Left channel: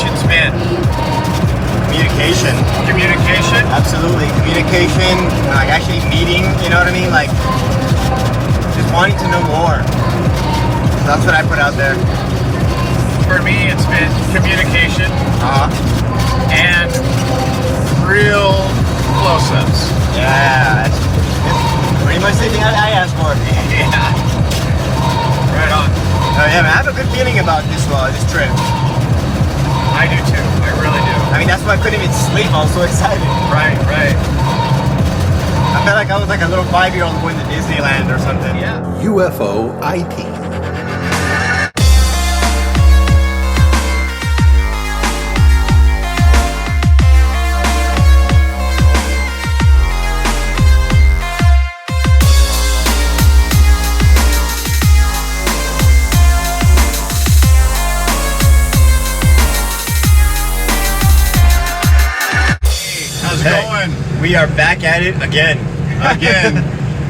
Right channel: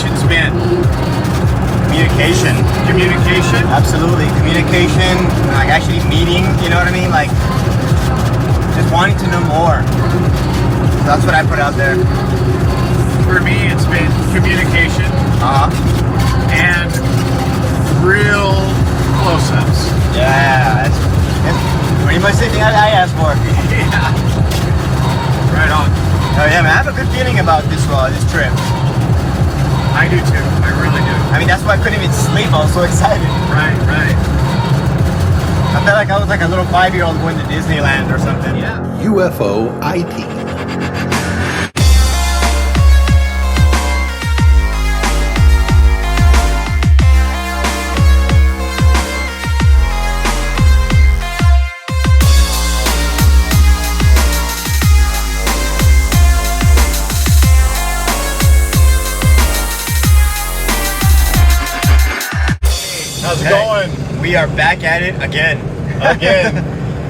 intentions been? Communication. Communication? Absolutely. Communication, like actually meeting, you know what I mean? Like, just wanting to know more. That's what I put out there. For me, it's been communication and real close-ups. Yeah, that's pretty much the thing I asked for. Yeah. Right on. Oh yeah, man, I have a good feeling about this trip. I do too. I really do. I mean, that's why I couldn't even sleep. I was so excited. Right. I felt like I was like a little 5-year-old going to Disneyland or something. Yeah. UFOiTEAM. We are back at it again.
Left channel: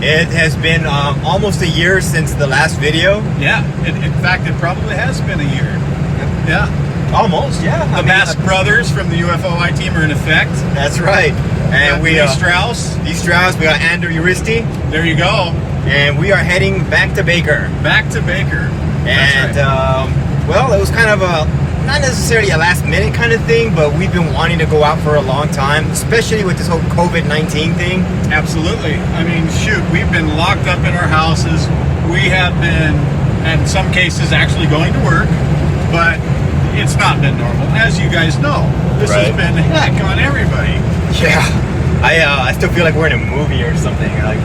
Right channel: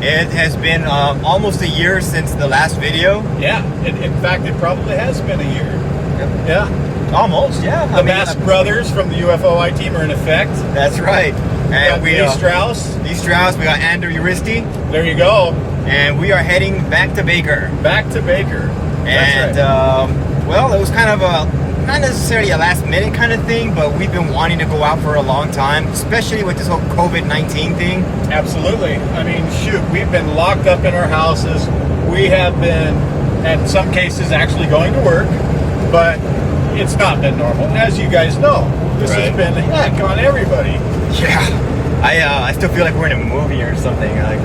It has been almost a year since the last video. Yeah. In fact, it probably has been a year. Yep. Yeah. Almost, yeah. The Masked Brothers from the UFOiTEAM are in effect. That's right. And we Lee Strauss. Lee Strauss, we got Andrew Uristi. There you go. And we are heading back to Baker. Back to Baker. And, right. well, it was kind of not necessarily a last minute kind of thing, but we've been wanting to go out for a long time, especially with this whole COVID-19 thing. Absolutely. I mean, shoot, we've been locked up in our houses. We have been, in some cases, actually going to work, but it's not been normal. As you guys know, this has been heck on everybody. Yeah. I still feel like we're in a movie or something. Like,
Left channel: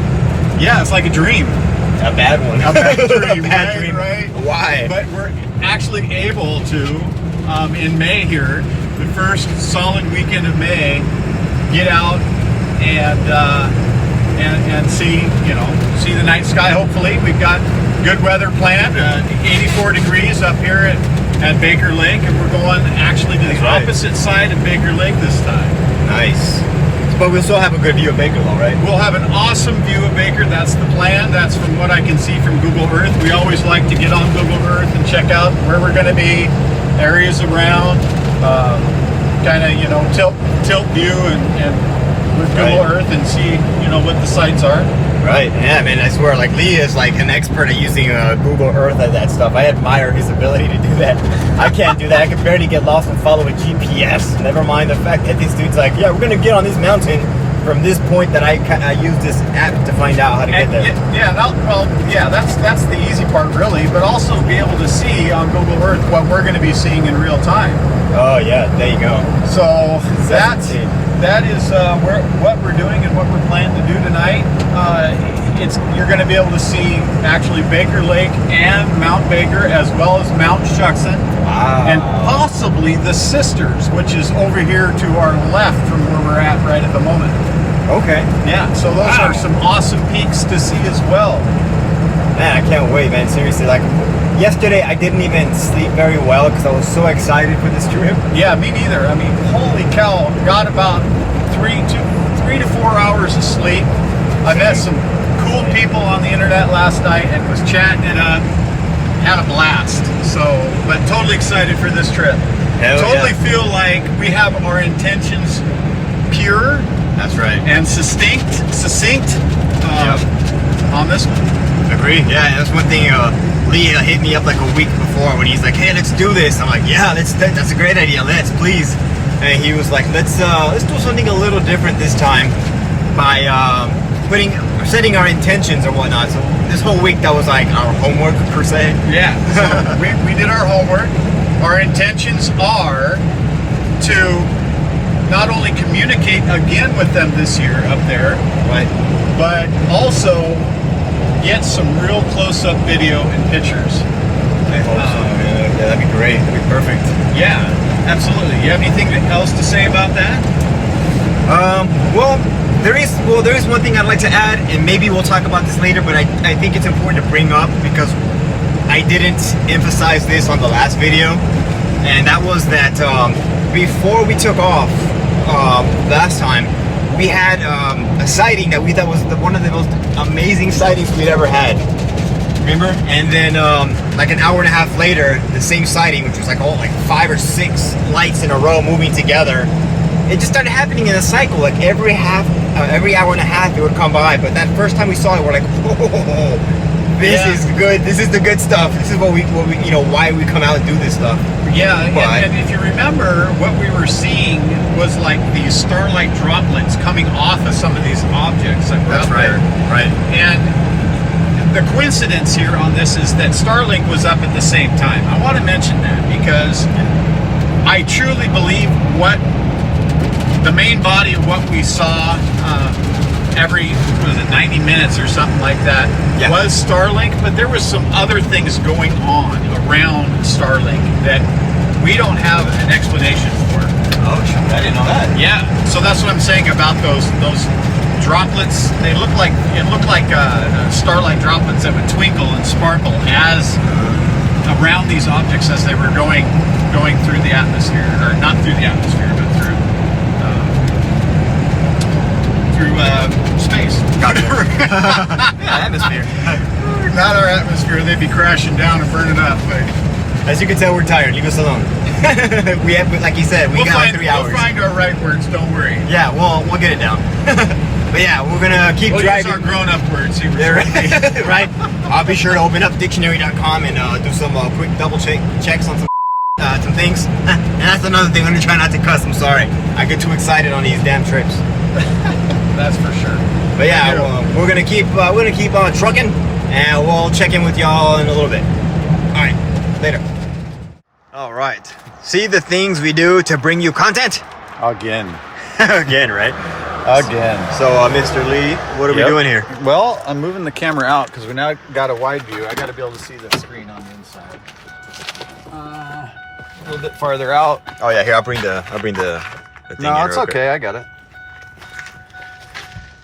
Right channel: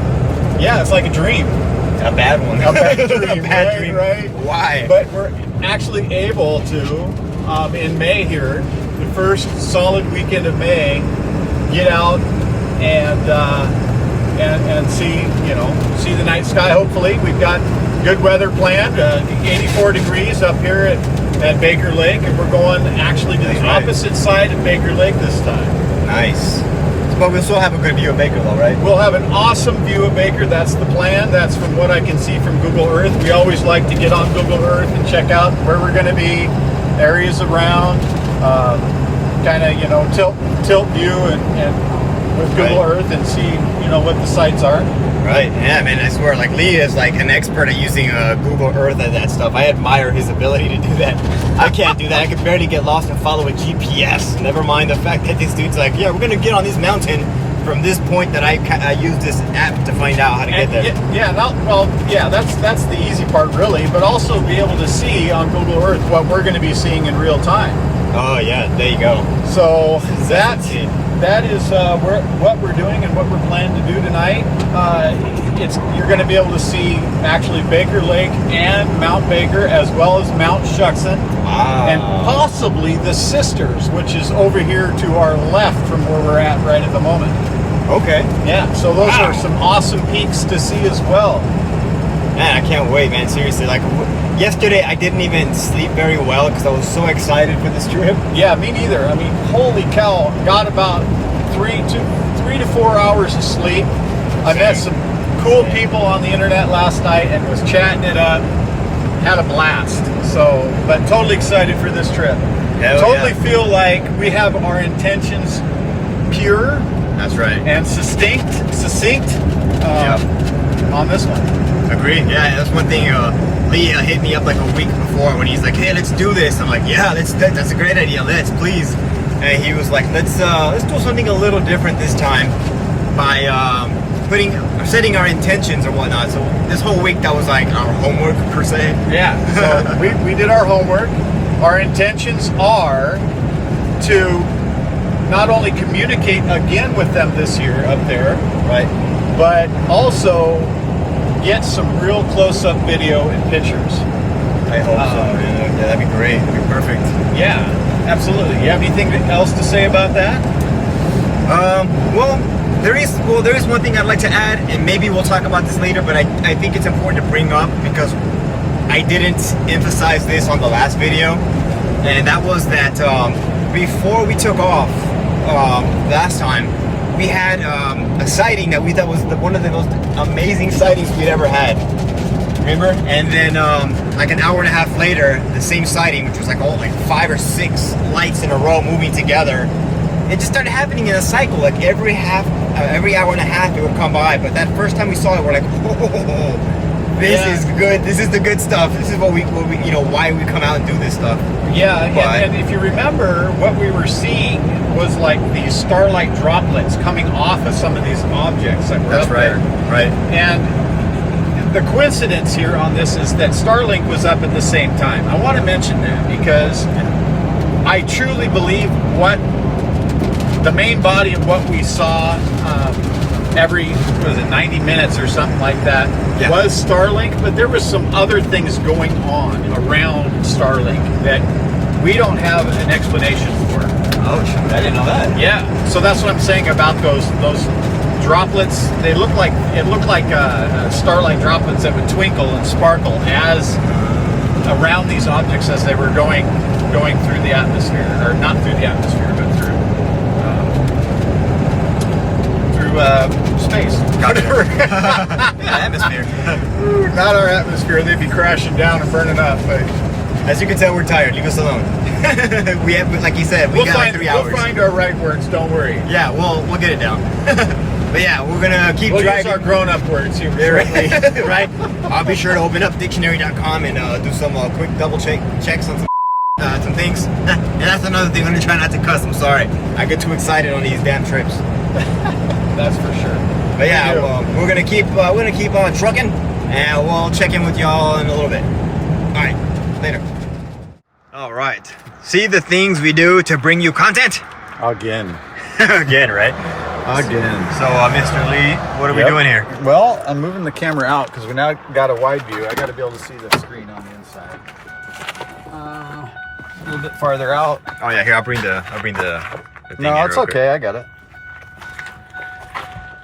yeah, it's like a dream. A bad one. A bad dream. A bad dream. Right? Why? But we're actually able to, in May here, the first solid weekend of May, get out and see, see the night sky. Hopefully, we've got good weather planned. 84 degrees up here at Baker Lake, and we're going actually to the opposite side of Baker Lake this time. Nice. But we'll still have a good view of Baker, though, right? We'll have an awesome view of Baker. That's the plan. That's from what I can see from Google Earth. We always like to get on Google Earth and check out where we're going to be, areas around, kind of, tilt view and with Google Earth and see, what the sites are. Right. Yeah, man, I swear, like, Lee is like an expert at using Google Earth and that stuff. I admire his ability to do that. I can't do that. I can barely get lost and follow a GPS. Never mind the fact that this dude's like, yeah, we're going to get on this mountain from this point that I use this app to find out how to get there. That's the easy part, really, but also be able to see on Google Earth what we're going to be seeing in real time. Oh, yeah, there you go. So that is what we're doing and what we plan to do tonight. You're going to be able to see actually Baker Lake and Mount Baker, as well as Mount Shuckson. Wow. And possibly the Sisters, which is over here to our left from where we're at right at the moment. Okay. Yeah, so those are some awesome peaks to see as well. Man, I can't wait, man. Seriously, like yesterday I didn't even sleep very well because I was so excited for this trip. Yeah, me neither. I mean, holy cow, got about 3 to 4 hours of sleep. I met some cool people on the internet last night and was chatting it up. Had a blast. But totally excited for this trip. Totally feel like we have our intentions pure. That's right. And succinct on this one. Agreed. Yeah, that's one thing. Lee hit me up like a week before when he's like, "Hey, let's do this." I'm like, "Yeah, that's a great idea. Let's please." And he was like, "Let's do something a little different this time by setting our intentions or whatnot." So this whole week that was like our homework per se. Yeah. So we did our homework. Our intentions are to not only communicate again with them this year up there, right, but also get some real close-up video and pictures. I hope so. Yeah, that'd be great. That'd be perfect. Yeah, absolutely. You have anything else to say about that? Well, there is one thing I'd like to add, and maybe we'll talk about this later, but I think it's important to bring up because I didn't emphasize this on the last video, and that was that before we took off last time, we had a sighting that we thought was one of the most amazing sightings we'd ever had. Remember? And then like an hour and a half later, the same sighting, which was like 5 or 6 lights in a row moving together. It just started happening in a cycle. Like every hour and a half, it would come by. But that first time we saw it, we're like, whoa, this is good. This is the good stuff. This is what we why we come out and do this stuff. Yeah, and if you remember, what we were seeing was like these starlight droplets coming off of some of these objects that were That's up right. there. Right. And the coincidence here on this is that Starlink was up at the same time. I want to mention that because I truly believe the main body of what we saw every 90 minutes or something like that was Starlink, but there was some other things going on around Starlink that we don't have an explanation for. Oh, I didn't know that. Yeah, so that's what I'm saying about those droplets. It looked like starlight droplets that would twinkle and sparkle as around these objects as they were going through the atmosphere, or not through the atmosphere, but through space. Atmosphere. Not our atmosphere. They'd be crashing down and burning up. But as you can tell, we're tired. Leave us alone. We have, like you said, we'll got like 3 hours. We'll find our right words. Don't worry. Yeah, we'll get it down. But yeah, we're gonna keep driving. Use our grown-up words. Right. I'll be sure to open up dictionary.com and do some quick double checks on some things. And that's another thing. I'm gonna try not to cuss. I'm sorry. I get too excited on these damn trips. That's for sure. But yeah, we're gonna keep on trucking, and we'll check in with y'all in a little bit. All right, later. All right. See the things we do to bring you content? Again. Again, right? Again. So, Mr. Lee, what are we doing here? Well, I'm moving the camera out because we now got a wide view. I got to be able to see the screen on the inside. A little bit farther out. Oh yeah, here I'll bring the thing No, in it's real okay. quick. I got it.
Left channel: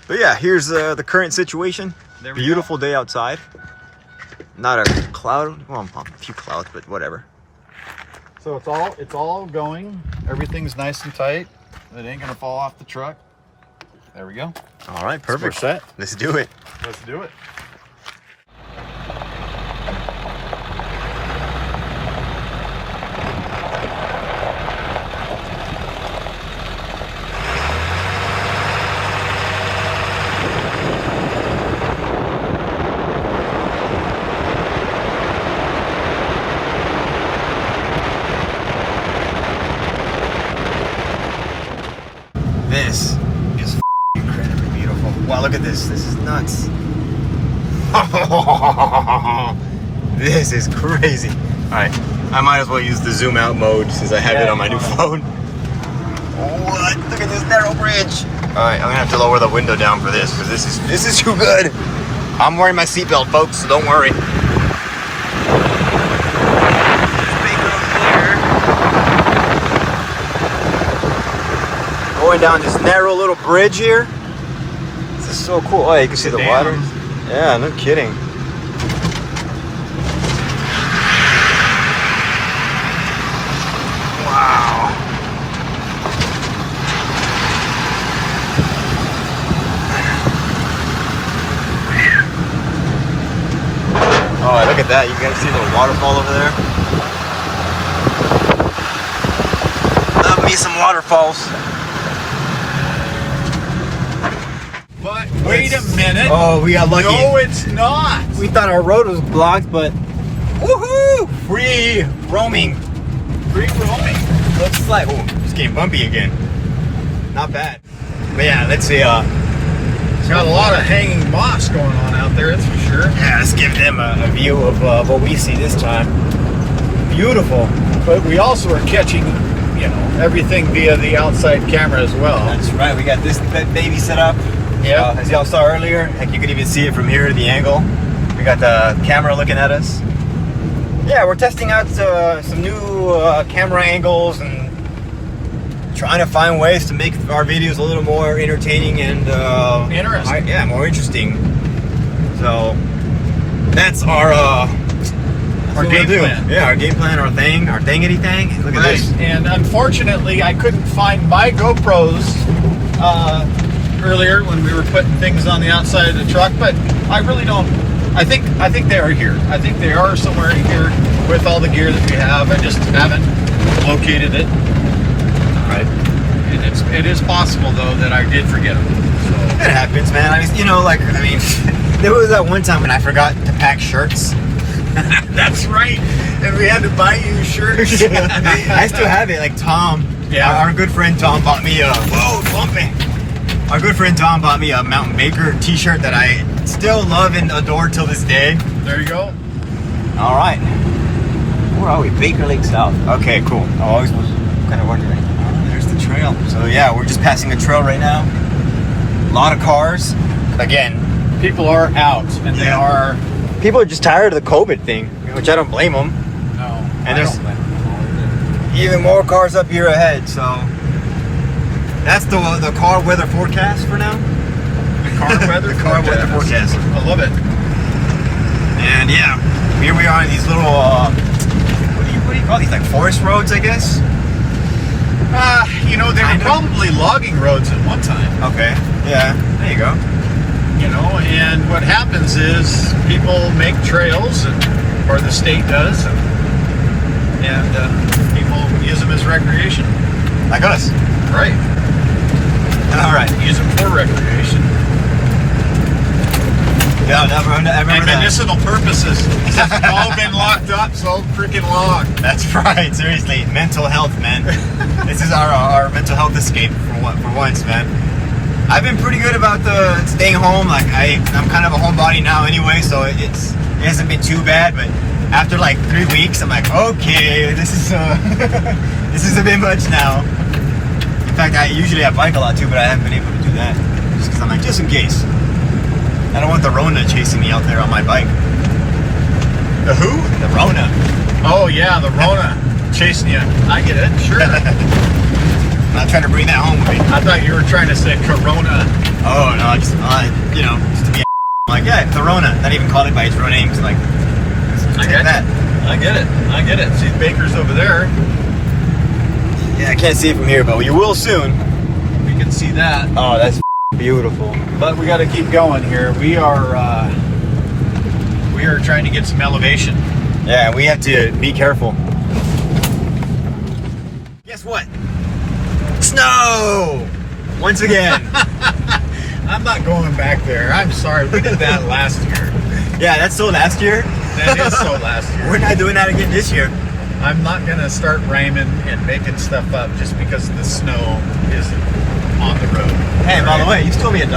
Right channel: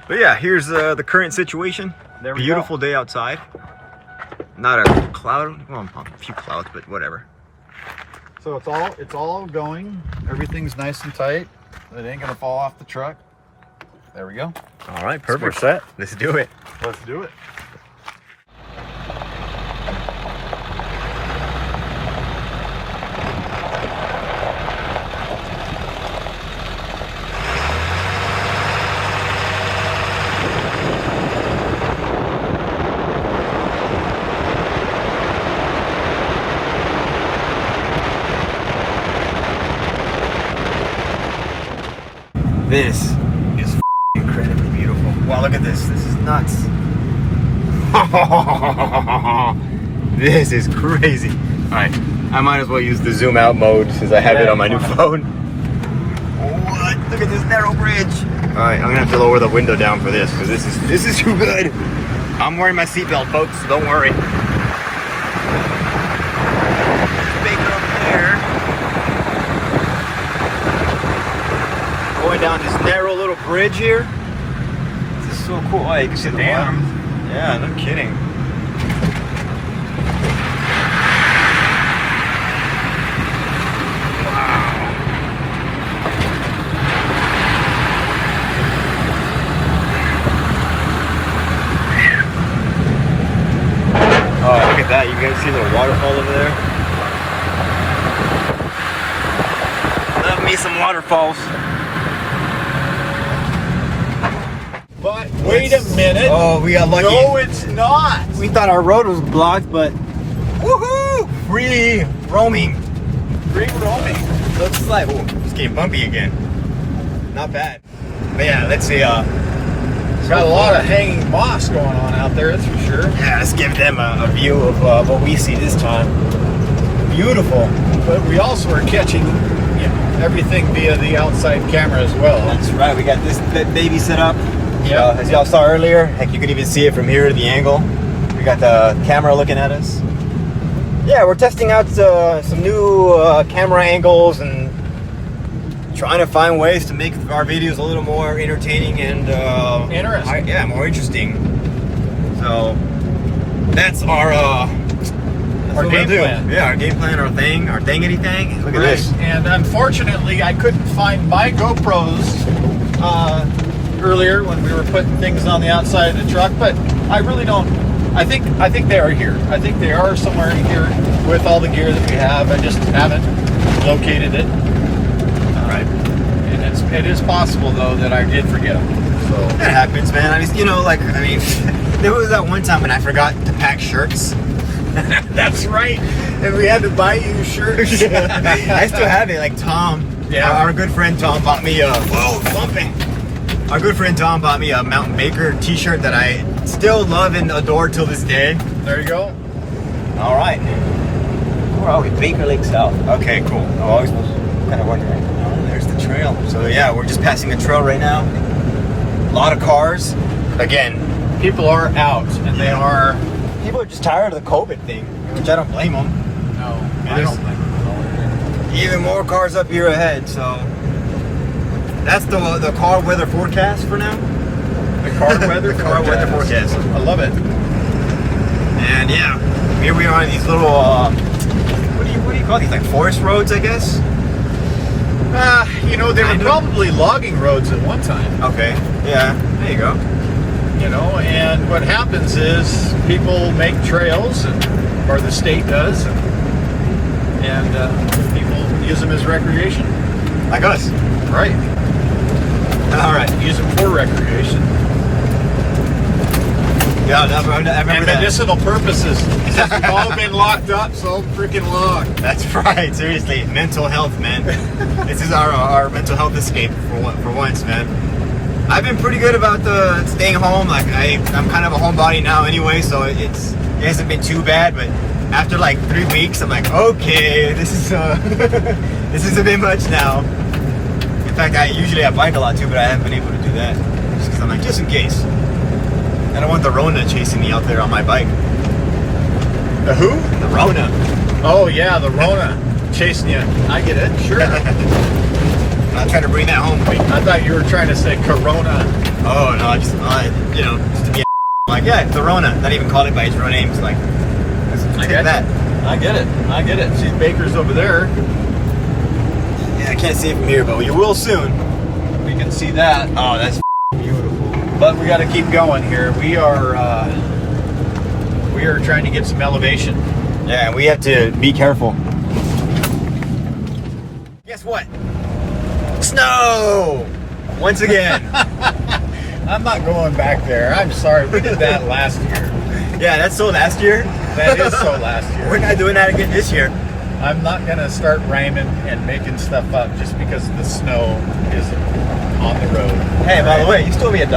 But yeah, here's the current situation. There we Beautiful day outside. Not a cloud. Well, a few clouds, but whatever. So it's all going. Everything's nice and tight. It ain't gonna fall off the truck. There we go. All right, perfect. We're set. Let's do it. Let's do it. This is incredibly beautiful. Wow, look at this. This is nuts. This is crazy. All right, I might as well use the zoom out mode since I have it on my new phone. What? Look at this narrow bridge. All right, I'm gonna have to lower the window down for this because this is too good. I'm wearing my seatbelt, folks, so don't worry. There's Baker over there. Going down this narrow little bridge here. This is so cool. Oh, yeah, you can see the water. Yeah, no kidding. Wow. Oh, look at that. You guys see a little waterfall over there? Love me some waterfalls. But wait a minute. Oh, we got lucky. No, it's not. We thought our road was blocked, but woohoo! Free roaming. Free roaming. Looks like it's getting bumpy again. Not bad. But yeah, let's see. It's got a lot of hanging moss going on out there, that's for sure. Yeah, let's give them a view of what we see this time. Beautiful. But we also are catching everything via the outside camera as well. That's right. We got this baby set up. Yeah. As y'all saw earlier, like you could even see it from here, the angle. We got the camera looking at us. Yeah, we're testing out some new camera angles and trying to find ways to make our videos a little more entertaining and interesting. more interesting. So that's our game plan. Yeah, our game plan, our thingity thing. Look at this. And unfortunately, I couldn't find my GoPros earlier when we were putting things on the outside of the truck, but I really don't I think they are here. I think they are somewhere in here with all the gear that we have. I just haven't located it. Right. And it is possible though that I did forget them. So It happens, man. I mean, you know, like, I mean, there was that one time when I forgot to pack shirts. that's right. And we had to buy you shirts. I still have it. Like Tom, our good friend Tom bought me a Our good friend Tom bought me a Mountain Baker t-shirt that I still love and adore till this day. There you go. All right. Where are we? Baker Lake South. Okay, cool. I always was kind of wondering. Oh, there's the trail. So yeah, we're just passing a trail right now. A lot of cars. Again, People are out, and they are. people are just tired of the COVID thing, which I don't blame them. No, And I there's don't blame them. even more cars up here ahead. So that's the car weather forecast for now. The car weather. The car weather forecast. I love it. And yeah, here we are in these little what do you call these, like forest roads, I guess? You know, they were Kind of. probably logging roads at one time. Okay, yeah, there you go. You know, and what happens is people make trails, or the state does, and people use them as recreation. Like us. Right. All right. Use them for recreation. Yeah, I remember And that. medicinal purposes. Since we've all been locked up so freaking long. That's right. Seriously, mental health, man. This is our mental health escape for once, man. I've been pretty good about the staying home. Like I'm kind of a homebody now anyway, so it hasn't been too bad. But after like 3 weeks, I'm like, okay, this is this is a bit much now. In fact, I bike a lot too, but I haven't been able to do that just because I'm like, just in case. I don't want the Rona chasing me out there on my bike. The who? The Rona. Oh yeah, the Rona chasing you. I get it. Sure. I'm not trying to bring that home with me. I thought you were trying to say Corona. Oh no, just to be like, yeah, the Rona. Not even calling it by its real name. It's like, I take get that. it. I get it. See, Baker's over there. Yeah, I can't see it from here, but we will soon. We can see that. Oh, that's beautiful. But we got to keep going here. We are trying to get some elevation. Yeah, and we have to be careful. Guess what? Snow! Once again. I'm not going back there. I'm sorry. We did that last year. Yeah, that's still last year. That is so last year. We're not doing that again this year. I'm not going to start rhyming and making stuff up just because the snow is on the road. Hey, by the way, you stole me $1.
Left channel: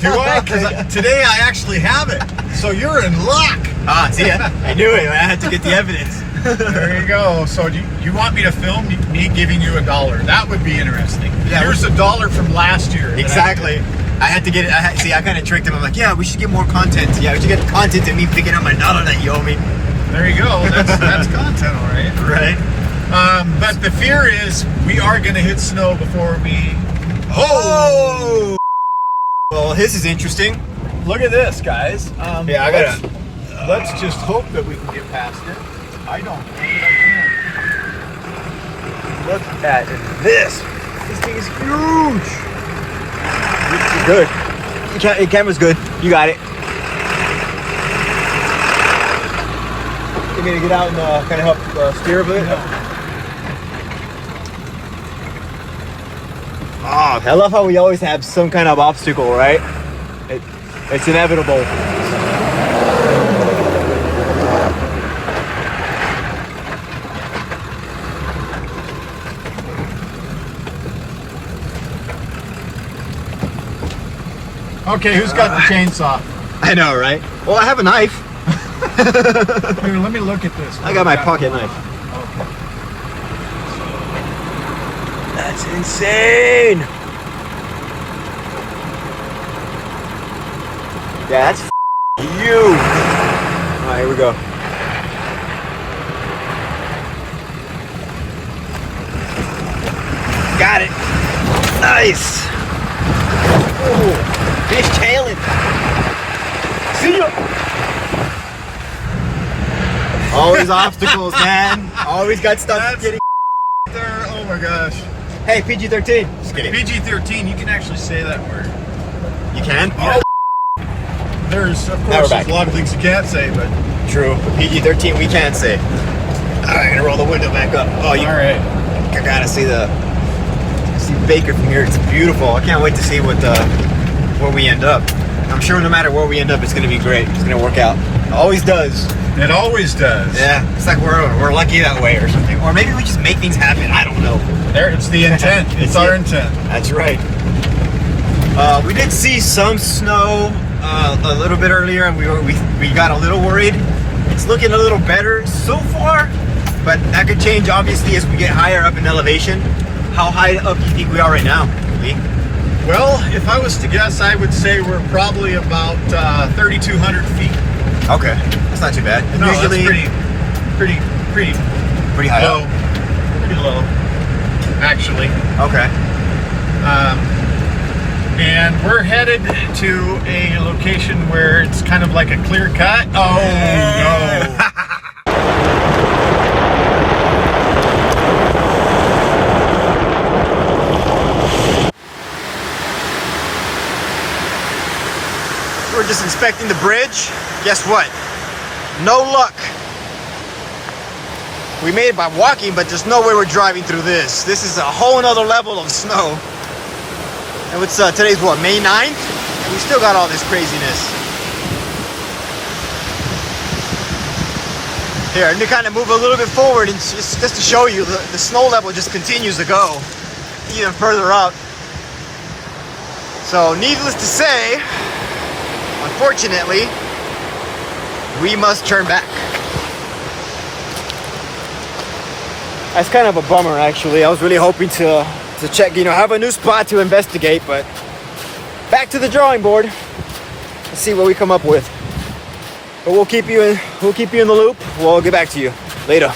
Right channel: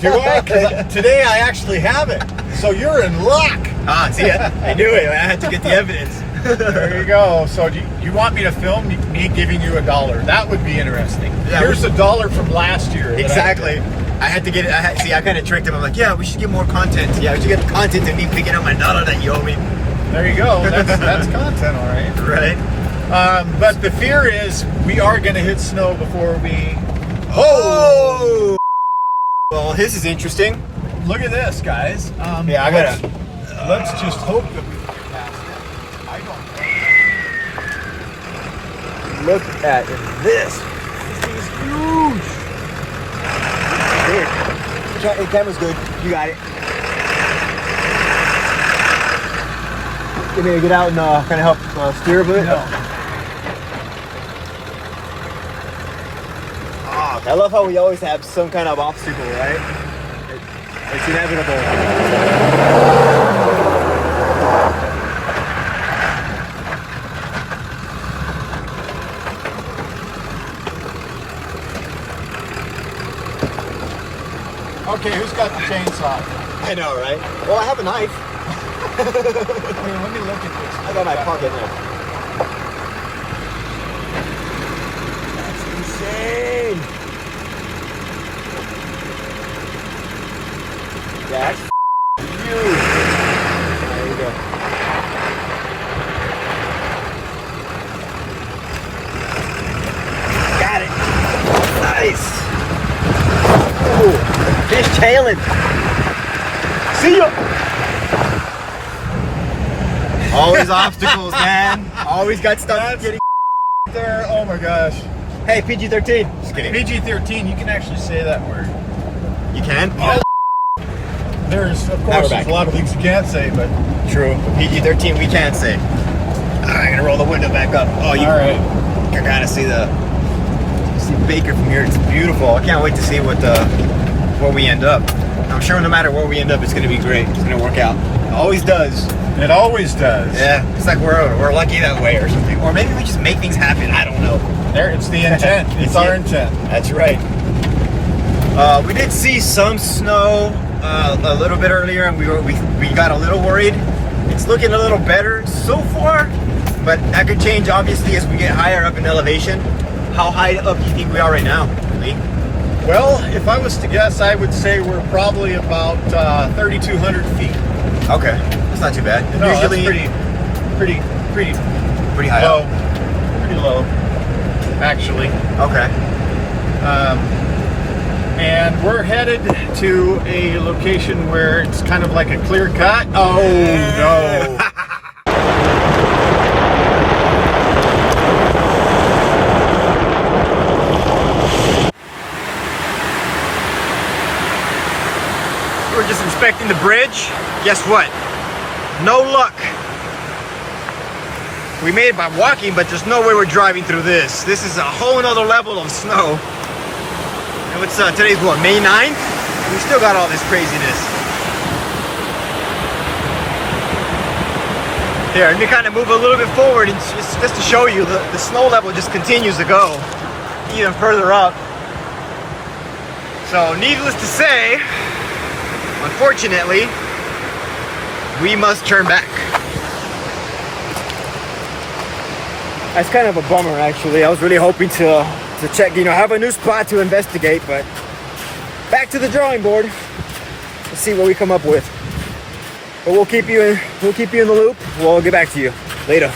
Do I? 'Cause today I actually have it. So you're in luck. Ah, see, I knew it. I had to get the evidence. There you go. So you want me to film me giving you $1? That would be interesting. Yeah, Here's $1 from last year. that Exactly. I had to get it. I kind of tricked him. I'm like, yeah, we should get more content. Yeah, we should get content of me picking up my $1 that you owe me. There you go. That's content, all right. Right. But the fear is we are going to hit snow before we. Oh! Well, this is interesting. Look at this, guys. Yeah, I gotta. Let's just hope that we can get past it. I don't. Look at this. This thing is huge. Good. Your camera's good. You got it. You need to get out and kind of help steer a bit. Oh, I love how we always have some kind of obstacle, right? It's inevitable. Okay, who's got the chainsaw? I know, right? Well, I have a knife. Here, let me look at this. I got my pocket knife. That's insane. Yeah, that's huge. Alright, here we go. Got it. Nice. Ooh, he's tailing. See ya. Always obstacles, man. Always got stuff getting There. Oh my gosh. Hey, PG-13. Just kidding. PG-13. You can actually say that word. You can? Yeah. there's of Now we're course back. there's a lot of things you can't say, but True. But PG-13 we can say. Alright, I'm gonna roll the window back up. Oh, you all right. I gotta see Baker from here. It's beautiful. I can't wait to see where we end up. I'm sure no matter where we end up, it's gonna be great. It's gonna work out. It always does. It always does. Yeah. It's like we're lucky that way or something. Or maybe we just make things happen. I don't know. There, it's the intent. It's our intent. That's right. We did see some snow a little bit earlier, and we got a little worried. It's looking a little better so far, but that could change obviously as we get higher up in elevation. How high up do you think we are right now, Lee? Well, if I was to guess, I would say we're probably about 3,200 feet. Okay, that's not too bad. No, Usually that's pretty high low. up. Pretty low, actually. Okay. And we're headed to a location where it's kind of like a clear cut. Oh no! We were just inspecting the bridge. Guess what? No luck. We made it by walking, but there's no way we're driving through this. This is a whole nother level of snow. And what's today's what, May 9th? We still got all this craziness. Here, let me kind of move a little bit forward, and it's just to show you the snow level just continues to go even further up. So needless to say, unfortunately, we must turn back. That's kind of a bummer, actually. I was really hoping to check, have a new spot to investigate, but back to the drawing board. Let's see what we come up with. But we'll keep you in the loop. We'll get back to you later.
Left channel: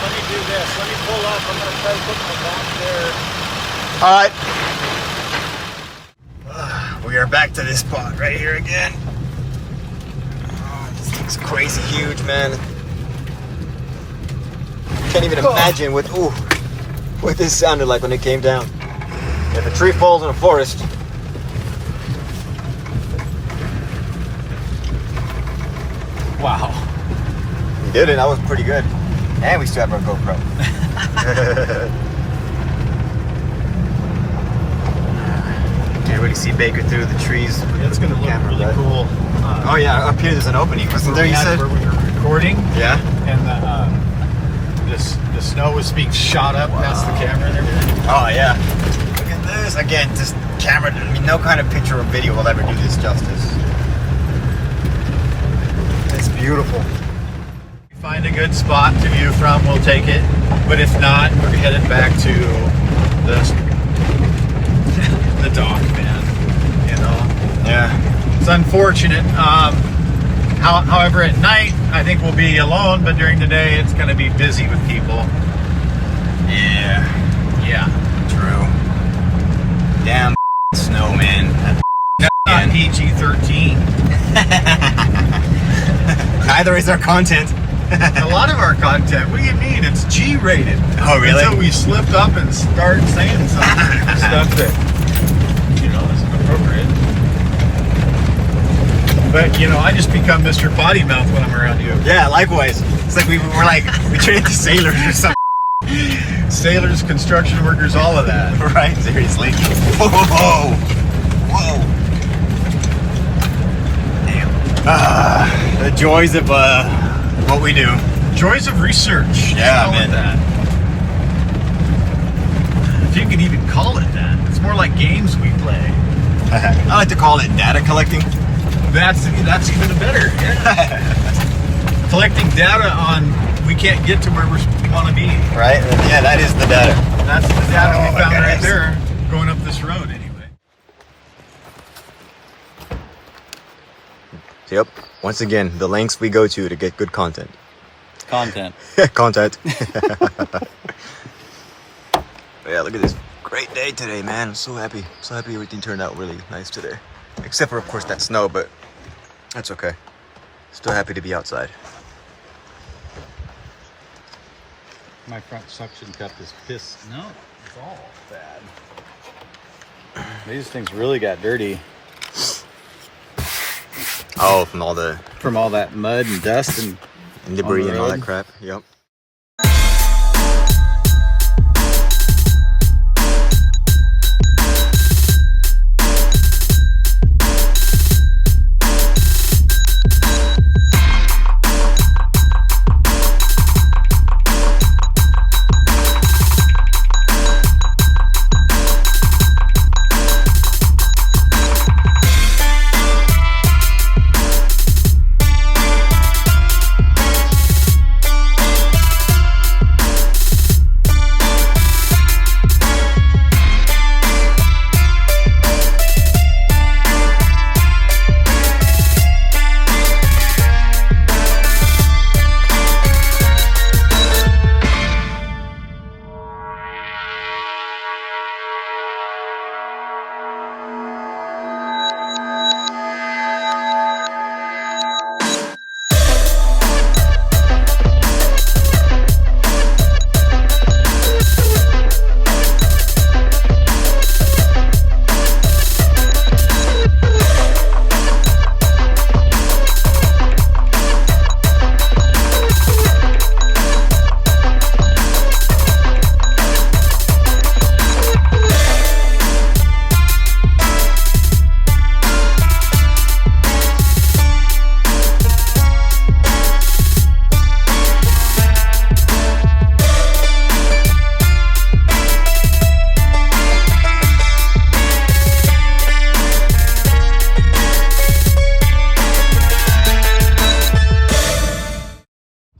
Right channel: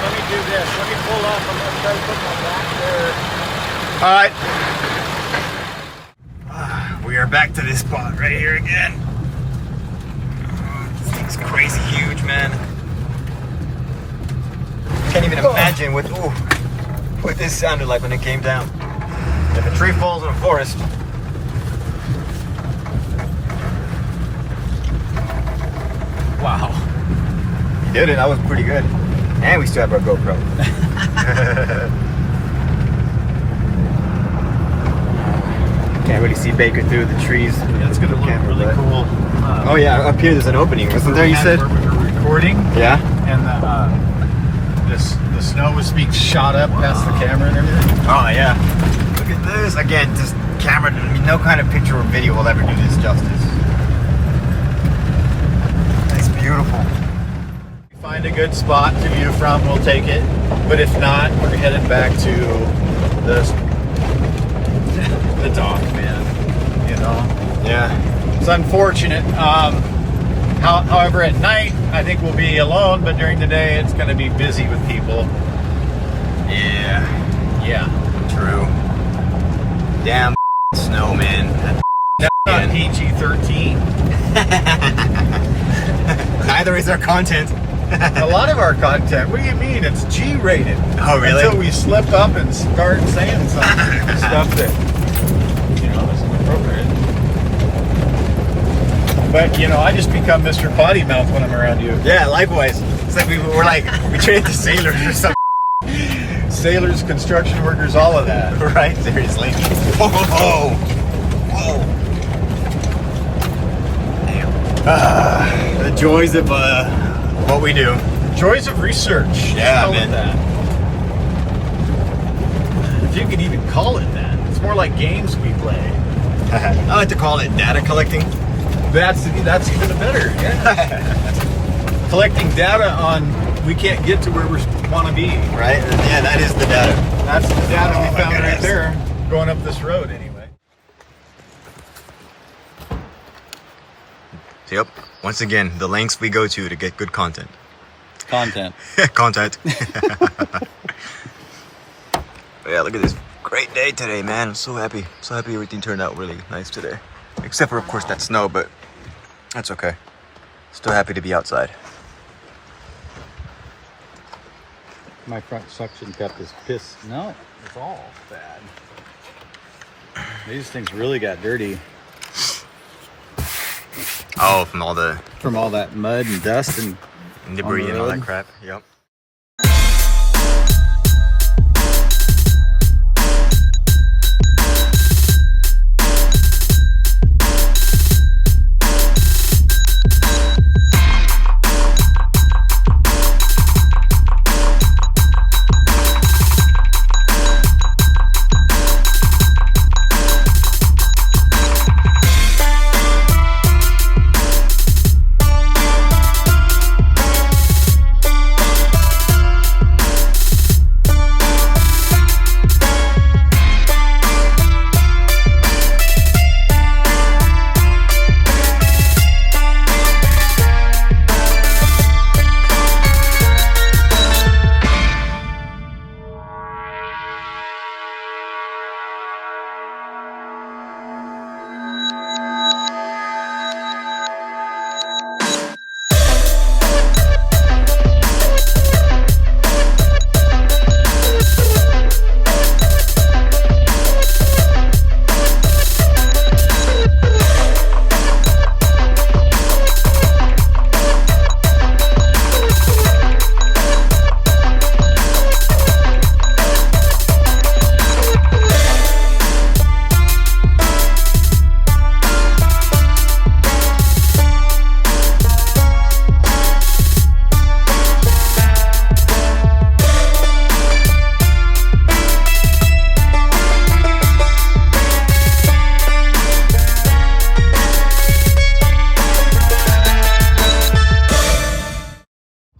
Let me do this. Let me pull up. I'm gonna try to put my back there. All right. We are back to this spot right here again. This thing's crazy huge, man. Can't even imagine what this sounded like when it came down. If a tree falls in a forest. Wow. You did it. That was pretty good. And we still have our GoPro. Can't really see Baker through the trees. It's gonna look really cool. Oh yeah, up here there's an opening. Wasn't there, you said? Where we were recording. Yeah. And the snow was being shot up past the camera and everything. Oh yeah. Look at this. Again, just camera. I mean, no kind of picture or video will ever do this justice. It's beautiful. If we find a good spot to view from, we'll take it. But if not, we're headed back to the dock, man. Yeah. It's unfortunate. However, at night, I think we'll be alone, but during the day, it's going to be busy with people. Yeah. Yeah. True. Damn snow, man. That's not PG-13. Neither is our content. A lot of our content, what do you mean? It's G-rated. Oh, really? Until we slip up and start saying some stuff that, isn't appropriate. But, I just become Mr. Potty Mouth when I'm around you. Yeah, likewise. It's like we trained into sailors or something. Sailors, construction workers, all of that. Right? Seriously. Whoa. Damn. The joys of what we do. Joys of research. Yeah, Call it man. that. If you could even call it that. It's more like games we play. I like to call it data collecting. That's even better. Yeah. Collecting data on we can't get to where we want to be. Right? Yeah, that is the data. That's the data we found right goodness. there, going up this road anyway. So, yep. Once again, the lengths we go to get good content. Content. Content. Yeah, look at this great day today, man. I'm so happy. So happy everything turned out really nice today. Except for, of course, that snow, but that's okay. Still happy to be outside. My front suction cup is pissed. No, it's all bad. These things really got dirty. Oh, from all the that mud and dust and debris on the and all road. that crap. Yep.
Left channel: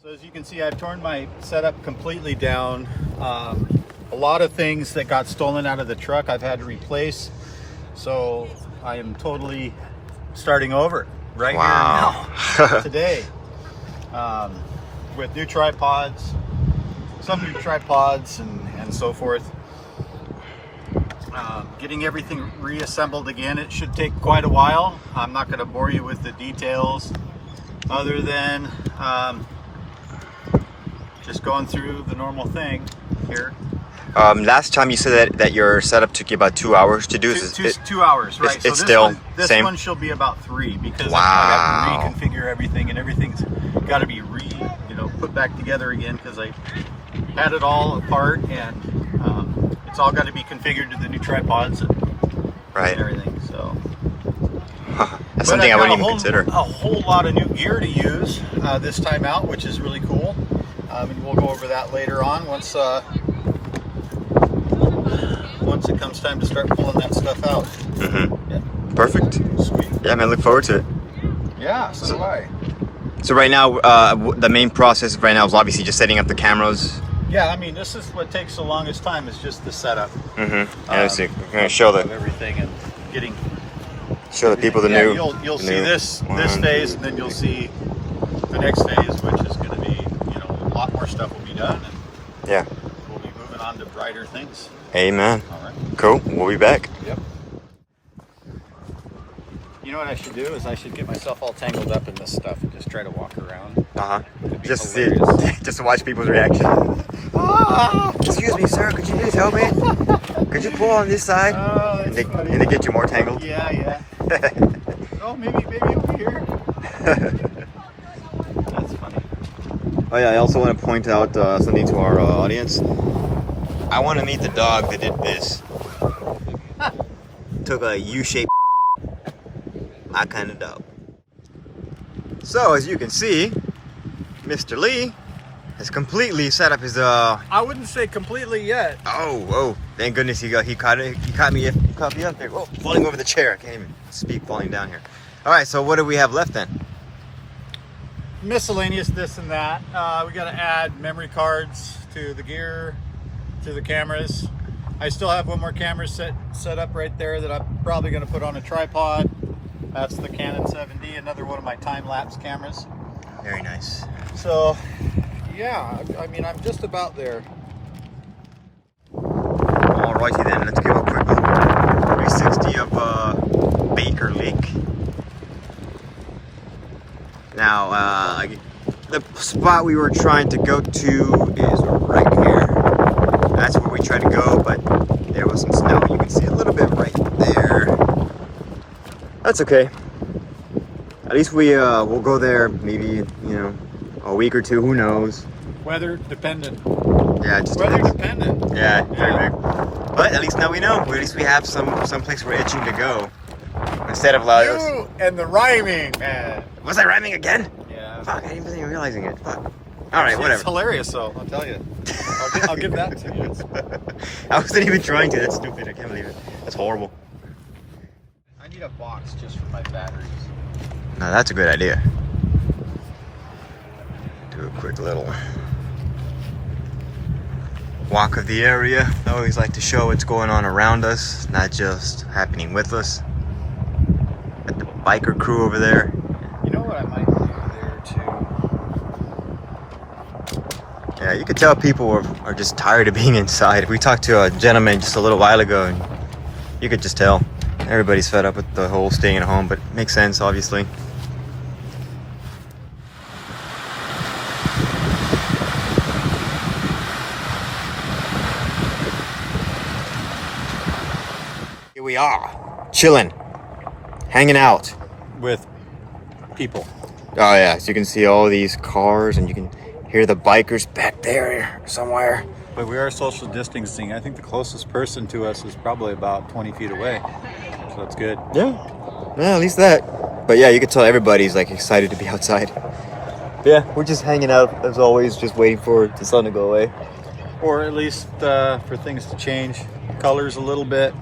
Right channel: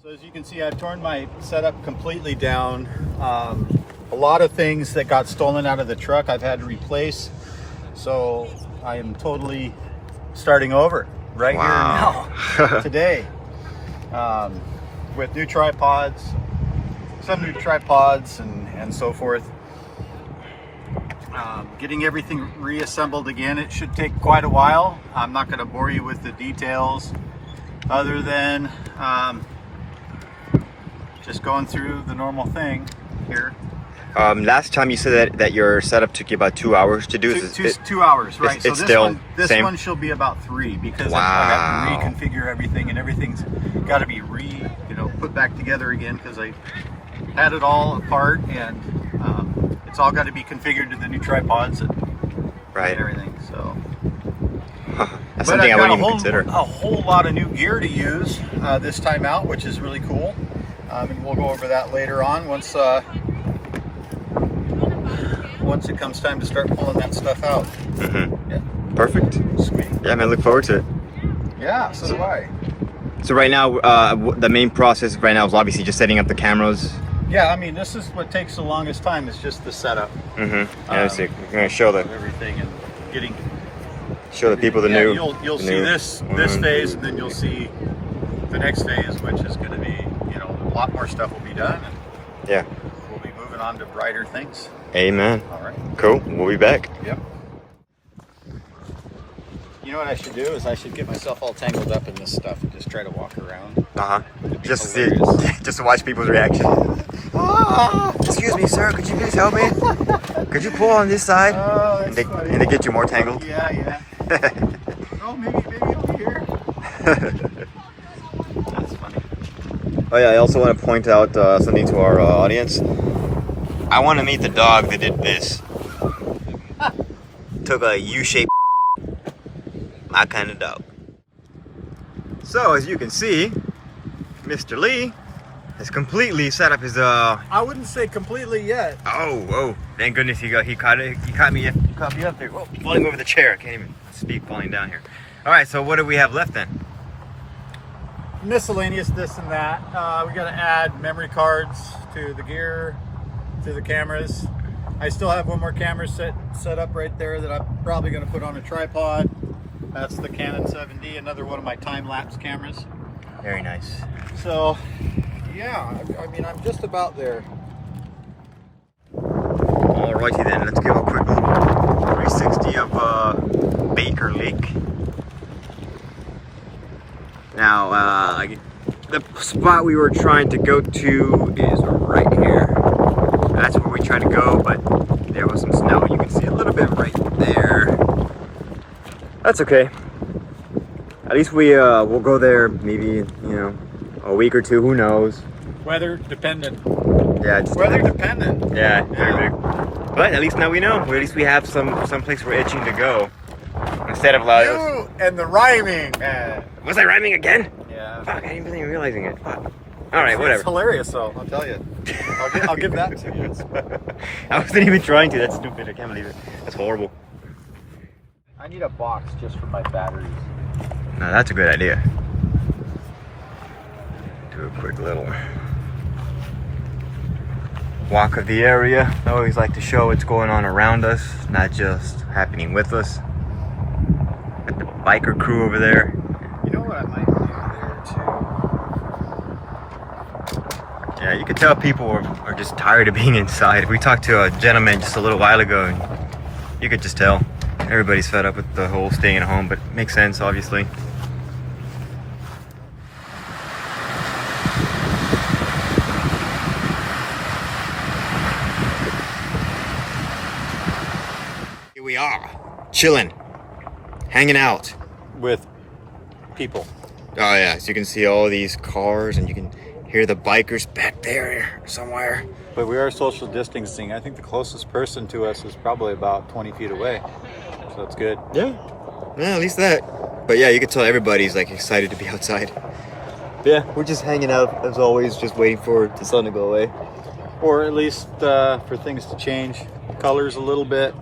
As you can see, I've torn my setup completely down. A lot of things that got stolen out of the truck I've had to replace. So I am totally starting over right here now, today, with new tripods, some new tripods and so forth. Getting everything reassembled again. It should take quite a while. I'm not going to bore you with the details other than just going through the normal thing here. Last time you said that your setup took you about 2 hours to do. 2 hours, right? It's still this same? one shall be about 3 because Wow. I have to reconfigure everything, and everything's got to be put back together again because I had it all apart, and it's all got to be configured to the new tripods and everything. So that's something I wouldn't even consider. A whole lot of new gear to use this time out, which is really cool. And we'll go over that later on once it comes time to start pulling that stuff out. Yeah. Perfect. Sweet. Yeah, man, look forward to it. Yeah, so do I. So right now, the main process right now is obviously just setting up the cameras. Yeah, I mean, this is what takes the longest time is just the setup. Yeah, we're gonna show everything and getting. Show the people the new. You'll see this phase, and then you'll see the next phase, which is going to be, a lot more stuff will be done, and yeah, we'll be moving on to brighter things. Amen. All right. Cool. We'll be back. Yep. You know what I should do is I should get myself all tangled up in this stuff and just try to walk around. Just to watch people's reaction. Excuse me, sir. Could you please help me? Could you pull on this side? Oh, and that's funny. they get you more tangled. Yeah. Oh, maybe over here. That's funny. Oh yeah, I also want to point out something to our audience. I want to meet the dog that did this. Took a U-shaped. My kind of dog. So as you can see, Mr. Lee has completely set up his I wouldn't say completely yet. Oh, thank goodness he caught me up there. Oh, falling over the chair. I can't even speak falling down here. All right, so what do we have left then? Miscellaneous this and that. We got to add memory cards to the gear, to the cameras. I still have one more camera set up right there that I'm probably going to put on a tripod. That's the Canon 7D, another one of my time-lapse cameras. Very nice. So, yeah, I mean, I'm just about there. Alrighty then, let's give a quick little 360 of Baker Lake. Now, the spot we were trying to go to is right here. That's where we tried to go, but there was some snow. You can see a little bit right there. That's okay. At least we'll go there maybe, a week or two, who knows. Weather dependent. Yeah, it just Weather depends. dependent. Yeah, very big. But at least now we know. At least we have some place we're itching to go. Instead of like... You and the rhyming, man. Was I rhyming again? Yeah. Fuck, I wasn't even realizing it. Fuck. Alright, whatever. It's hilarious, though, I'll tell you. I'll give that to you. I wasn't even trying to. That's stupid. I can't believe it. That's horrible. I need a box just for my batteries. No, that's a good idea. Do a quick little walk of the area. I always like to show what's going on around us, not just happening with us. Got the biker crew over there. You know what I might do there, too? Yeah, you could tell people are just tired of being inside. We talked to a gentleman just a little while ago, and you could just tell. Everybody's fed up with the whole staying at home, but it makes sense, obviously. Here we are, chilling, hanging out. With people. Oh yeah, so you can see all these cars, and you can hear the bikers back there somewhere. But we are social distancing. I think the closest person to us is probably about 20 feet away. So that's good. Yeah, at least that. But yeah, you can tell everybody's like excited to be outside. Yeah, we're just hanging out as always, just waiting for the sun to go away. Or at least for things to change colors a little bit.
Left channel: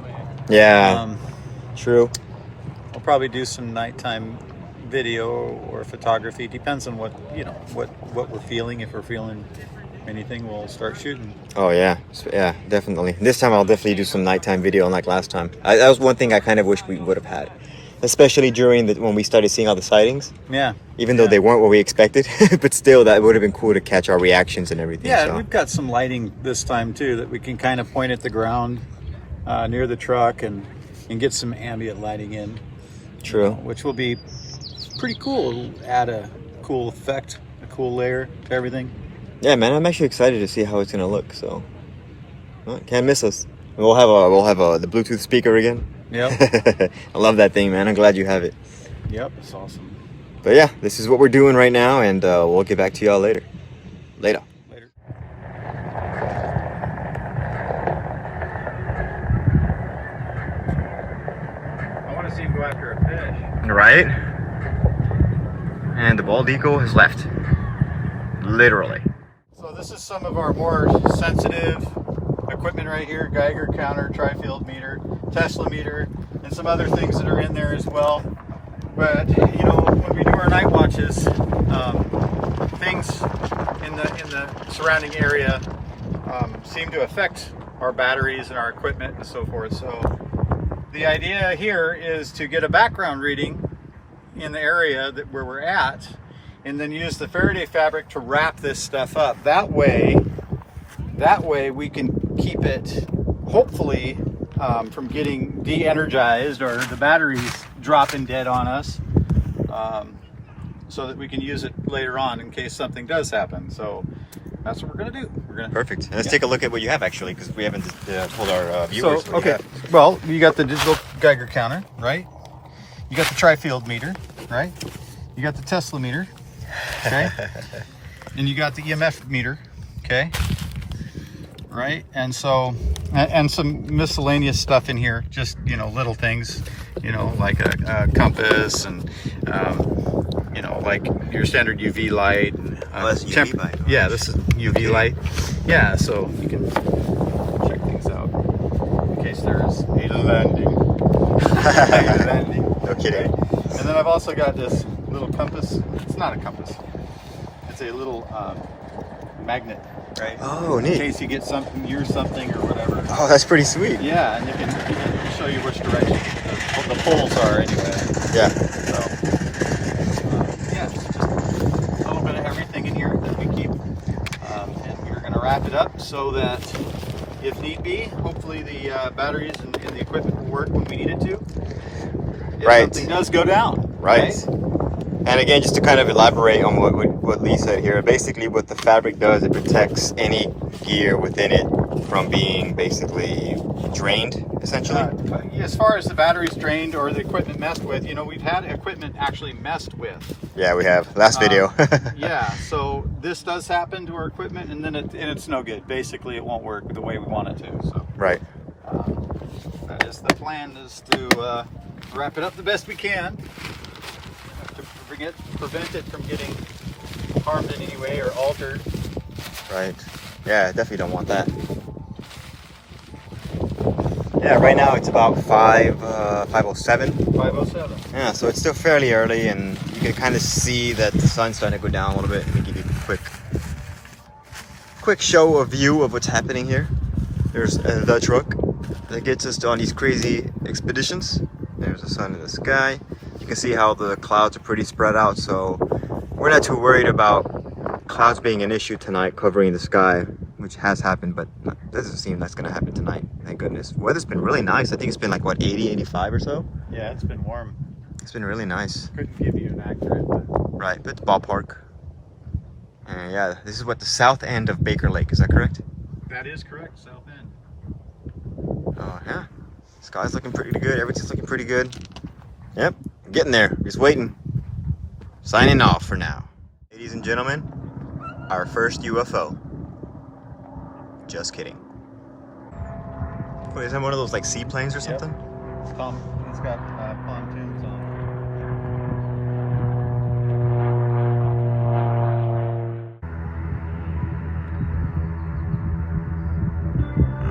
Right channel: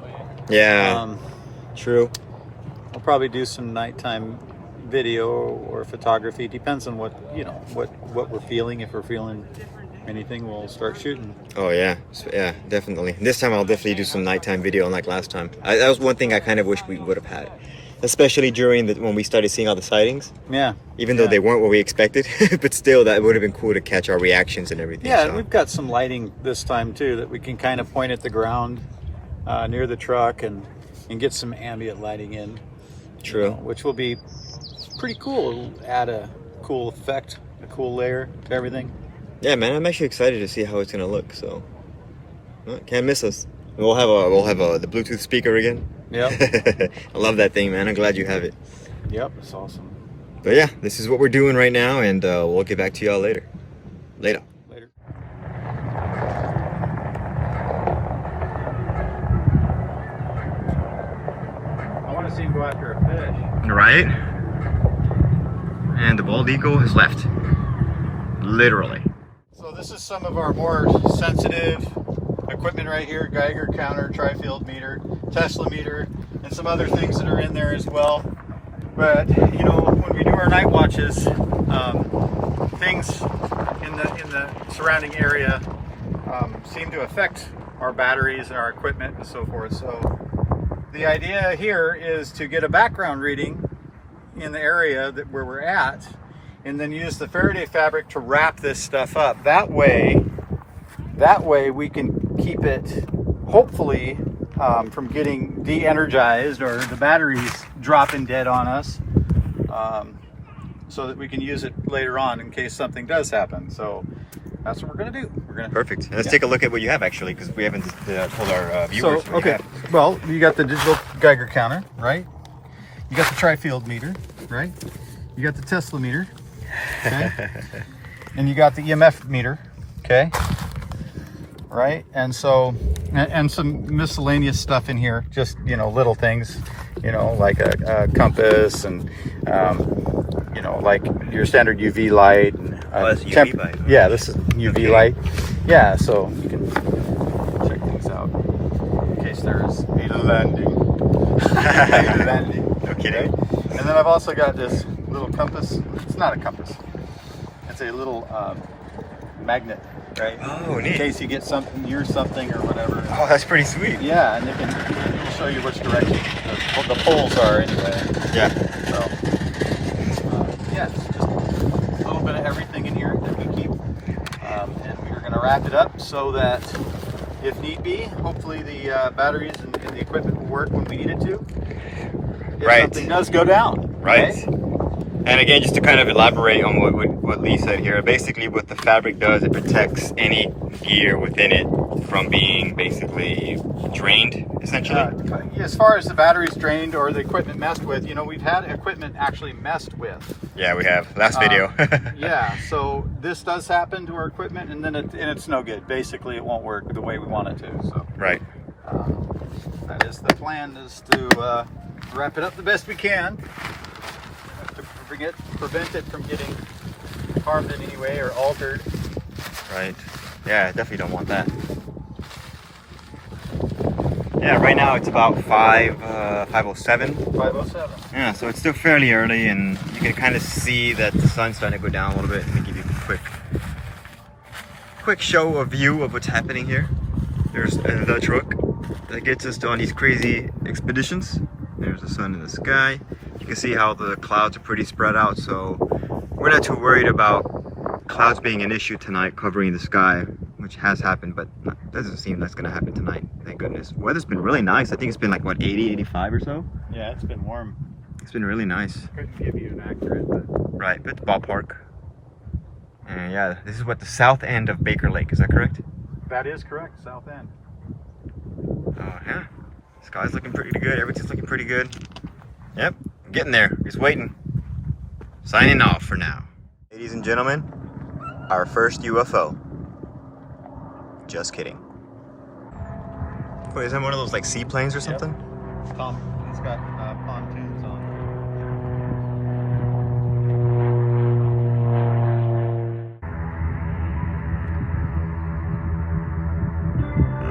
Yeah, true. I'll probably do some nighttime video or photography. Depends on what we're feeling. If we're feeling anything, we'll start shooting. Oh yeah, definitely. This time I'll definitely do some nighttime video, unlike last time. That was one thing I kind of wish we would have had, especially during when we started seeing all the sightings. Yeah. Even though they weren't what we expected, but still, that would have been cool to catch our reactions and everything. Yeah, so. we've got some lighting this time too that we can kind of point at the ground near the truck and get some ambient lighting in. True. Which will be pretty cool. It'll add a cool effect, a cool layer to everything. Yeah, man, I'm actually excited to see how it's gonna look. So, can't miss us. We'll have the Bluetooth speaker again. Yep. I love that thing, man. I'm glad you have it. Yep, it's awesome. But yeah, this is what we're doing right now, and we'll get back to y'all later. Later. I want to see him go after a fish. Right? And the bald eagle has left. Literally. So this is some of our more sensitive equipment right here. Geiger counter, tri-field meter, Tesla meter, and some other things that are in there as well. But, when we do our night watches, things in the surrounding area seem to affect our batteries and our equipment and so forth. So the idea here is to get a background reading in the area where we're at, and then use the Faraday fabric to wrap this stuff up. That way we can keep it, hopefully, from getting de-energized or the batteries dropping dead on us, so that we can use it later on in case something does happen. So that's what we're gonna do. Perfect. Let's take a look at what you have, actually, because we haven't told our viewers. So, okay, well, you got the digital Geiger counter, right? You got the tri-field meter, right? You got the Tesla meter, okay? And you got the EMF meter, okay? Right? And so, and some miscellaneous stuff in here, just, little things, like a compass and, like your standard UV light. And, that's UV light. Yeah, this is UV light. Yeah, so you can check things out in case there's a landing. No kidding. And then I've also got this little compass. It's not a compass. It's a little magnet, right? Oh, neat. In case you get something near something or whatever. Oh, that's pretty sweet. Yeah, and it'll show you which direction the poles are anyway. Yeah. So, yeah, it's just a little bit of everything in here that we keep. And we're going to wrap it up so that, if need be, hopefully the batteries and the equipment will work when we need it to. If something does go down. Right. And again, just to kind of elaborate on what Lee said here, basically what the fabric does, it protects any gear within it from being basically drained, essentially? As far as the batteries drained or the equipment messed with, you know, we've had equipment actually messed with. Yeah, we have. Last video. Yeah, so this does happen to our equipment, and then it's no good. Basically, it won't work the way we want it to. So Right. that is the plan, is to wrap it up the best we can to prevent it from getting harmed in any way or altered. Right. Yeah, definitely don't want that. Yeah, right now it's about 5:07. 507. Yeah, so it's still fairly early, and you can kind of see that the sun's starting to go down a little bit. Let me give you a quick show, a view of what's happening here. There's the truck that gets us on these crazy expeditions. There's the sun in the sky. You can see how the clouds are pretty spread out, so we're not too worried about clouds being an issue tonight covering the sky, which has happened, but doesn't seem that's going to happen tonight. Thank goodness. Weather's been really nice. I think it's been like, what, 80, 85 or so? Yeah, it's been warm. It's been really nice. Couldn't give you an accurate, but Right, but it's ballpark. And yeah, this is what the south end of Baker Lake, is that correct? that is correct. South End. Oh yeah, sky's looking pretty good. Everything's looking pretty good. Yep, getting there. Just waiting. Signing off for now. Ladies and gentlemen, our first UFO. Just kidding. Wait, is that one of those like seaplanes or something? It's got pontoons on.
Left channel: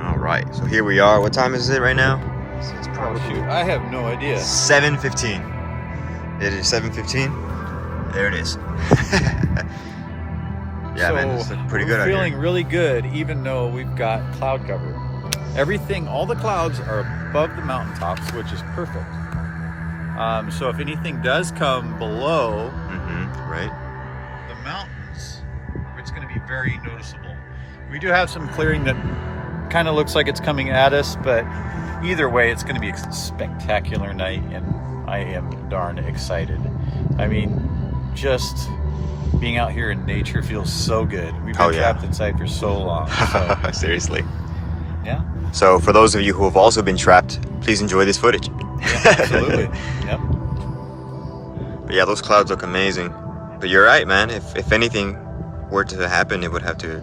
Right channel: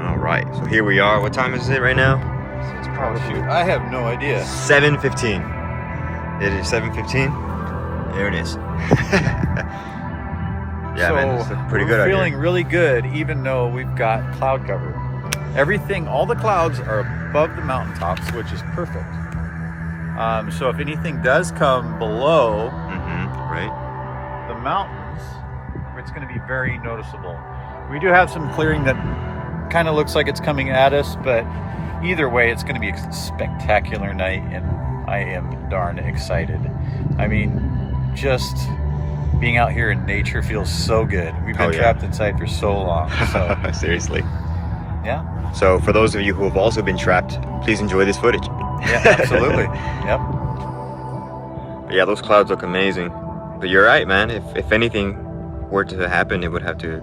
All right, so here we are. What time is it right now? It's probably Shoot, I have no idea. 7:15. It is 7:15. There it is. Yeah, So man, it's looking pretty we're good out feeling here. really good, even though we've got cloud cover. Everything, all the clouds are above the mountaintops, which is perfect. So if anything does come below Right. the mountains, it's going to be very noticeable. We do have some clearing that kind of looks like it's coming at us, but either way, it's going to be a spectacular night, and I am darn excited. I mean, just being out here in nature feels so good. We've been trapped inside for so long. So, Seriously. yeah. So for those of you who have also been trapped, please enjoy this footage. Yeah, absolutely. Yep. But yeah, those clouds look amazing. But you're right, man. If anything were to happen, it would have to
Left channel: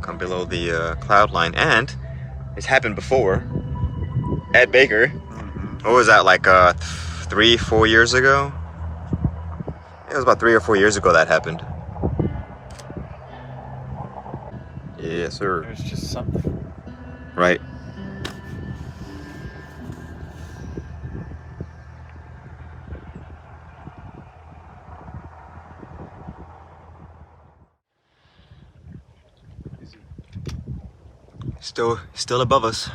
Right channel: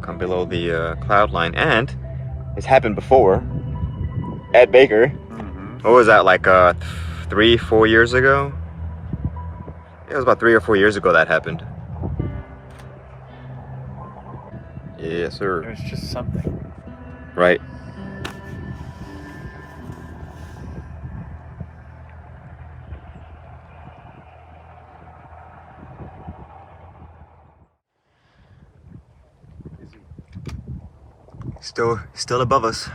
come below the cloud line. And it's happened before at Baker. What was that, like 3-4 years ago? It was about 3 or 4 years ago that happened. Yes, sir. It was just something. Right. Still above us.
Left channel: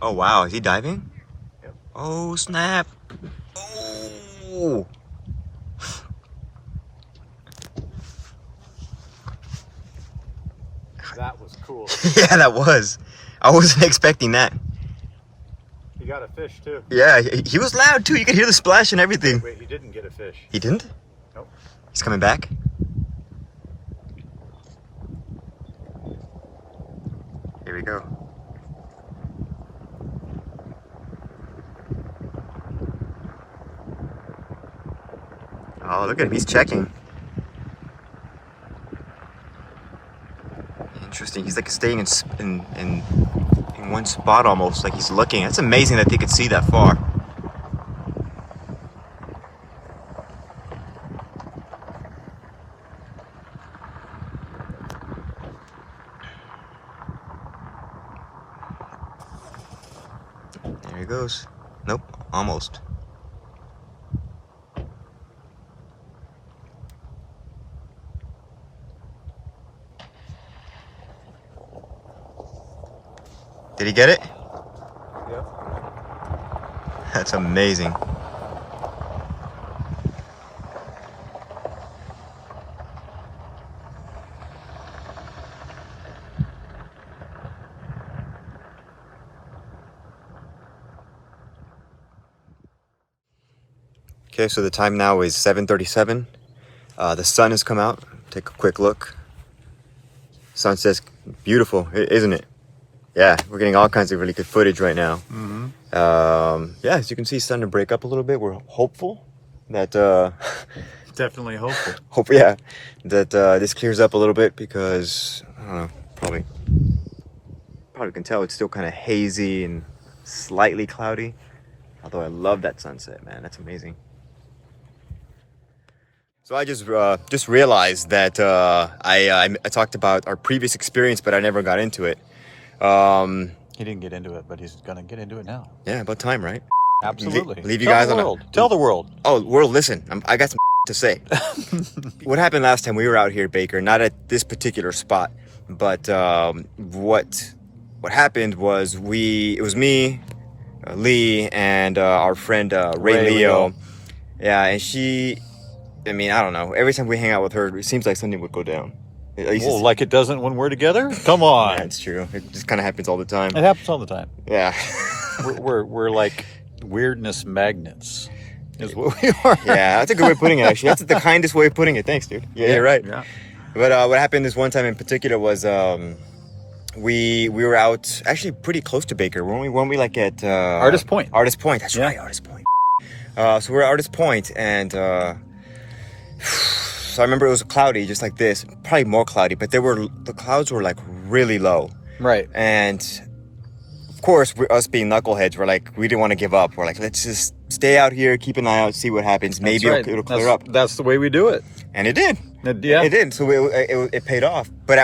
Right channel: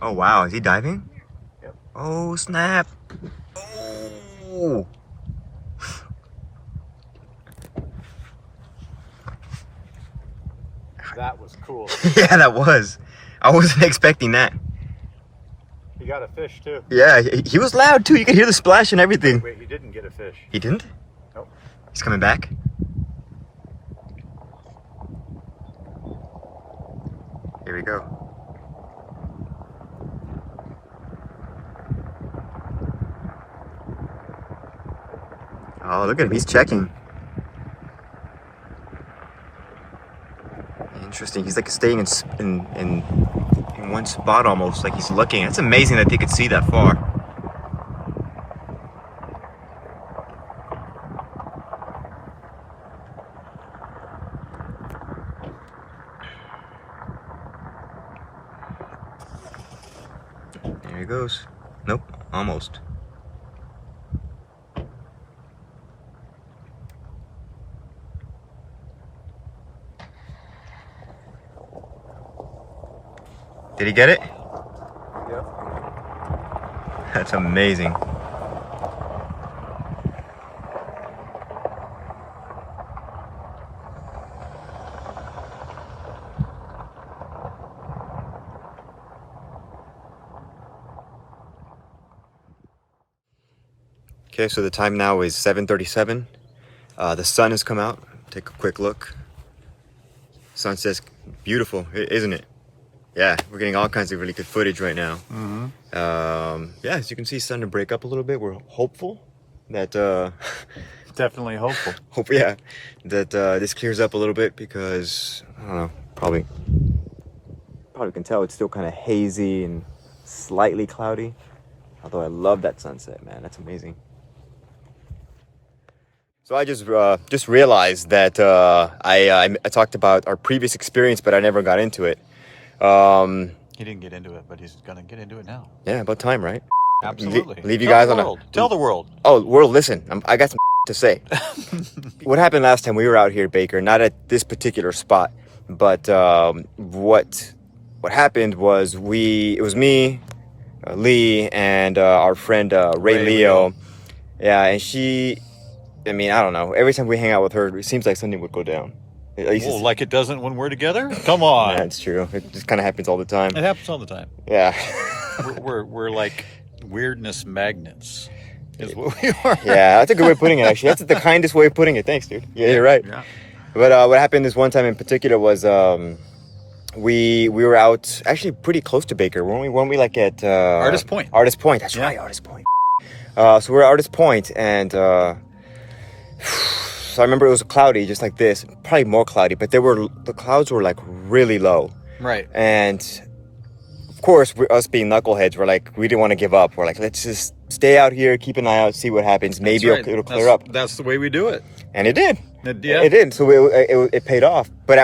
Oh wow, is he diving? Yep. Oh snap. Oh. That was cool. Yeah, that was. I wasn't expecting that. He got a fish too. Yeah, he was loud too. You could hear the splash and everything. Wait, he didn't get a fish. He didn't? Nope. He's coming back? Here we go. Oh, look at him. He's checking. Interesting. He's like staying in one spot almost, like he's looking. That's amazing that they could see that far. There he goes. Nope, almost. Did he get it? Yep. That's amazing. Okay, so the time now is 7:37. The sun has come out. Take a quick look. Sunset's beautiful, isn't it? Yeah, we're getting all kinds of really good footage right now. Yeah, as you can see, it's starting to break up a little bit. We're hopeful that Definitely hopeful. that this clears up a little bit, because I don't know, probably can tell it's still kind of hazy and slightly cloudy. Although I love that sunset, man. That's amazing. So I just realized that I talked about our previous experience, but I never got into it. He didn't get into it, but he's gonna get into it now. Yeah, about time, right? Absolutely. Leave you guys on a... Tell the world. Oh, world, listen. I got some to say. What happened last time we were out here, Baker? Not at this particular spot, but what happened was it was me, Lee, and our friend Ray Leo. Yeah, and she. I mean, I don't know. Every time we hang out with her, it seems like something would go down. Well, like it doesn't when we're together? Come on. That's true. It just kind of happens all the time. It happens all the time. Yeah. we're like weirdness magnets is what we are. Yeah, that's a good way of putting it, actually. That's the kindest way of putting it. Thanks, dude. Yeah, you're right. Yeah. But what happened this one time in particular was we were out actually pretty close to Baker. Weren't we like at... Artist Point. Artist Point. That's right, Artist Point. So we're at Artist Point, and... so I remember it was cloudy, just like this, probably more cloudy, but the clouds were like really low. Right. And of course, us being knuckleheads, we didn't want to give up. We're like, let's just stay out here, keep an eye out, see what happens. Maybe it'll clear up. That's the way we do it. And it did. It did. So it paid off. But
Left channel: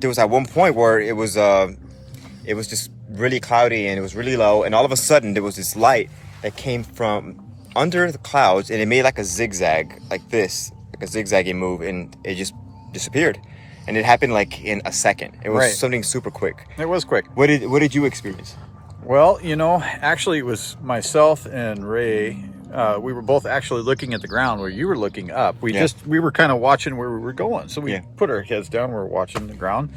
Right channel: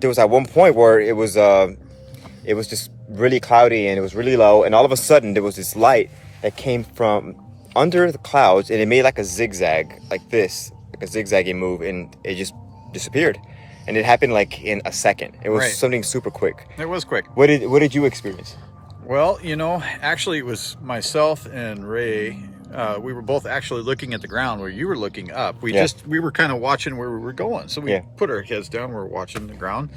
there was at one point where it was just really cloudy and it was really low, and all of a sudden there was this light that came from under the clouds, and it made like a zigzag, like this, like a zigzagging move, and it just disappeared. And it happened like in a second. It was something super quick. It was quick. What did you experience? Well, actually it was myself and Ray. We were both actually looking at the ground where you were looking up. We were kind of watching where we were going. So we put our heads down, we were watching the ground,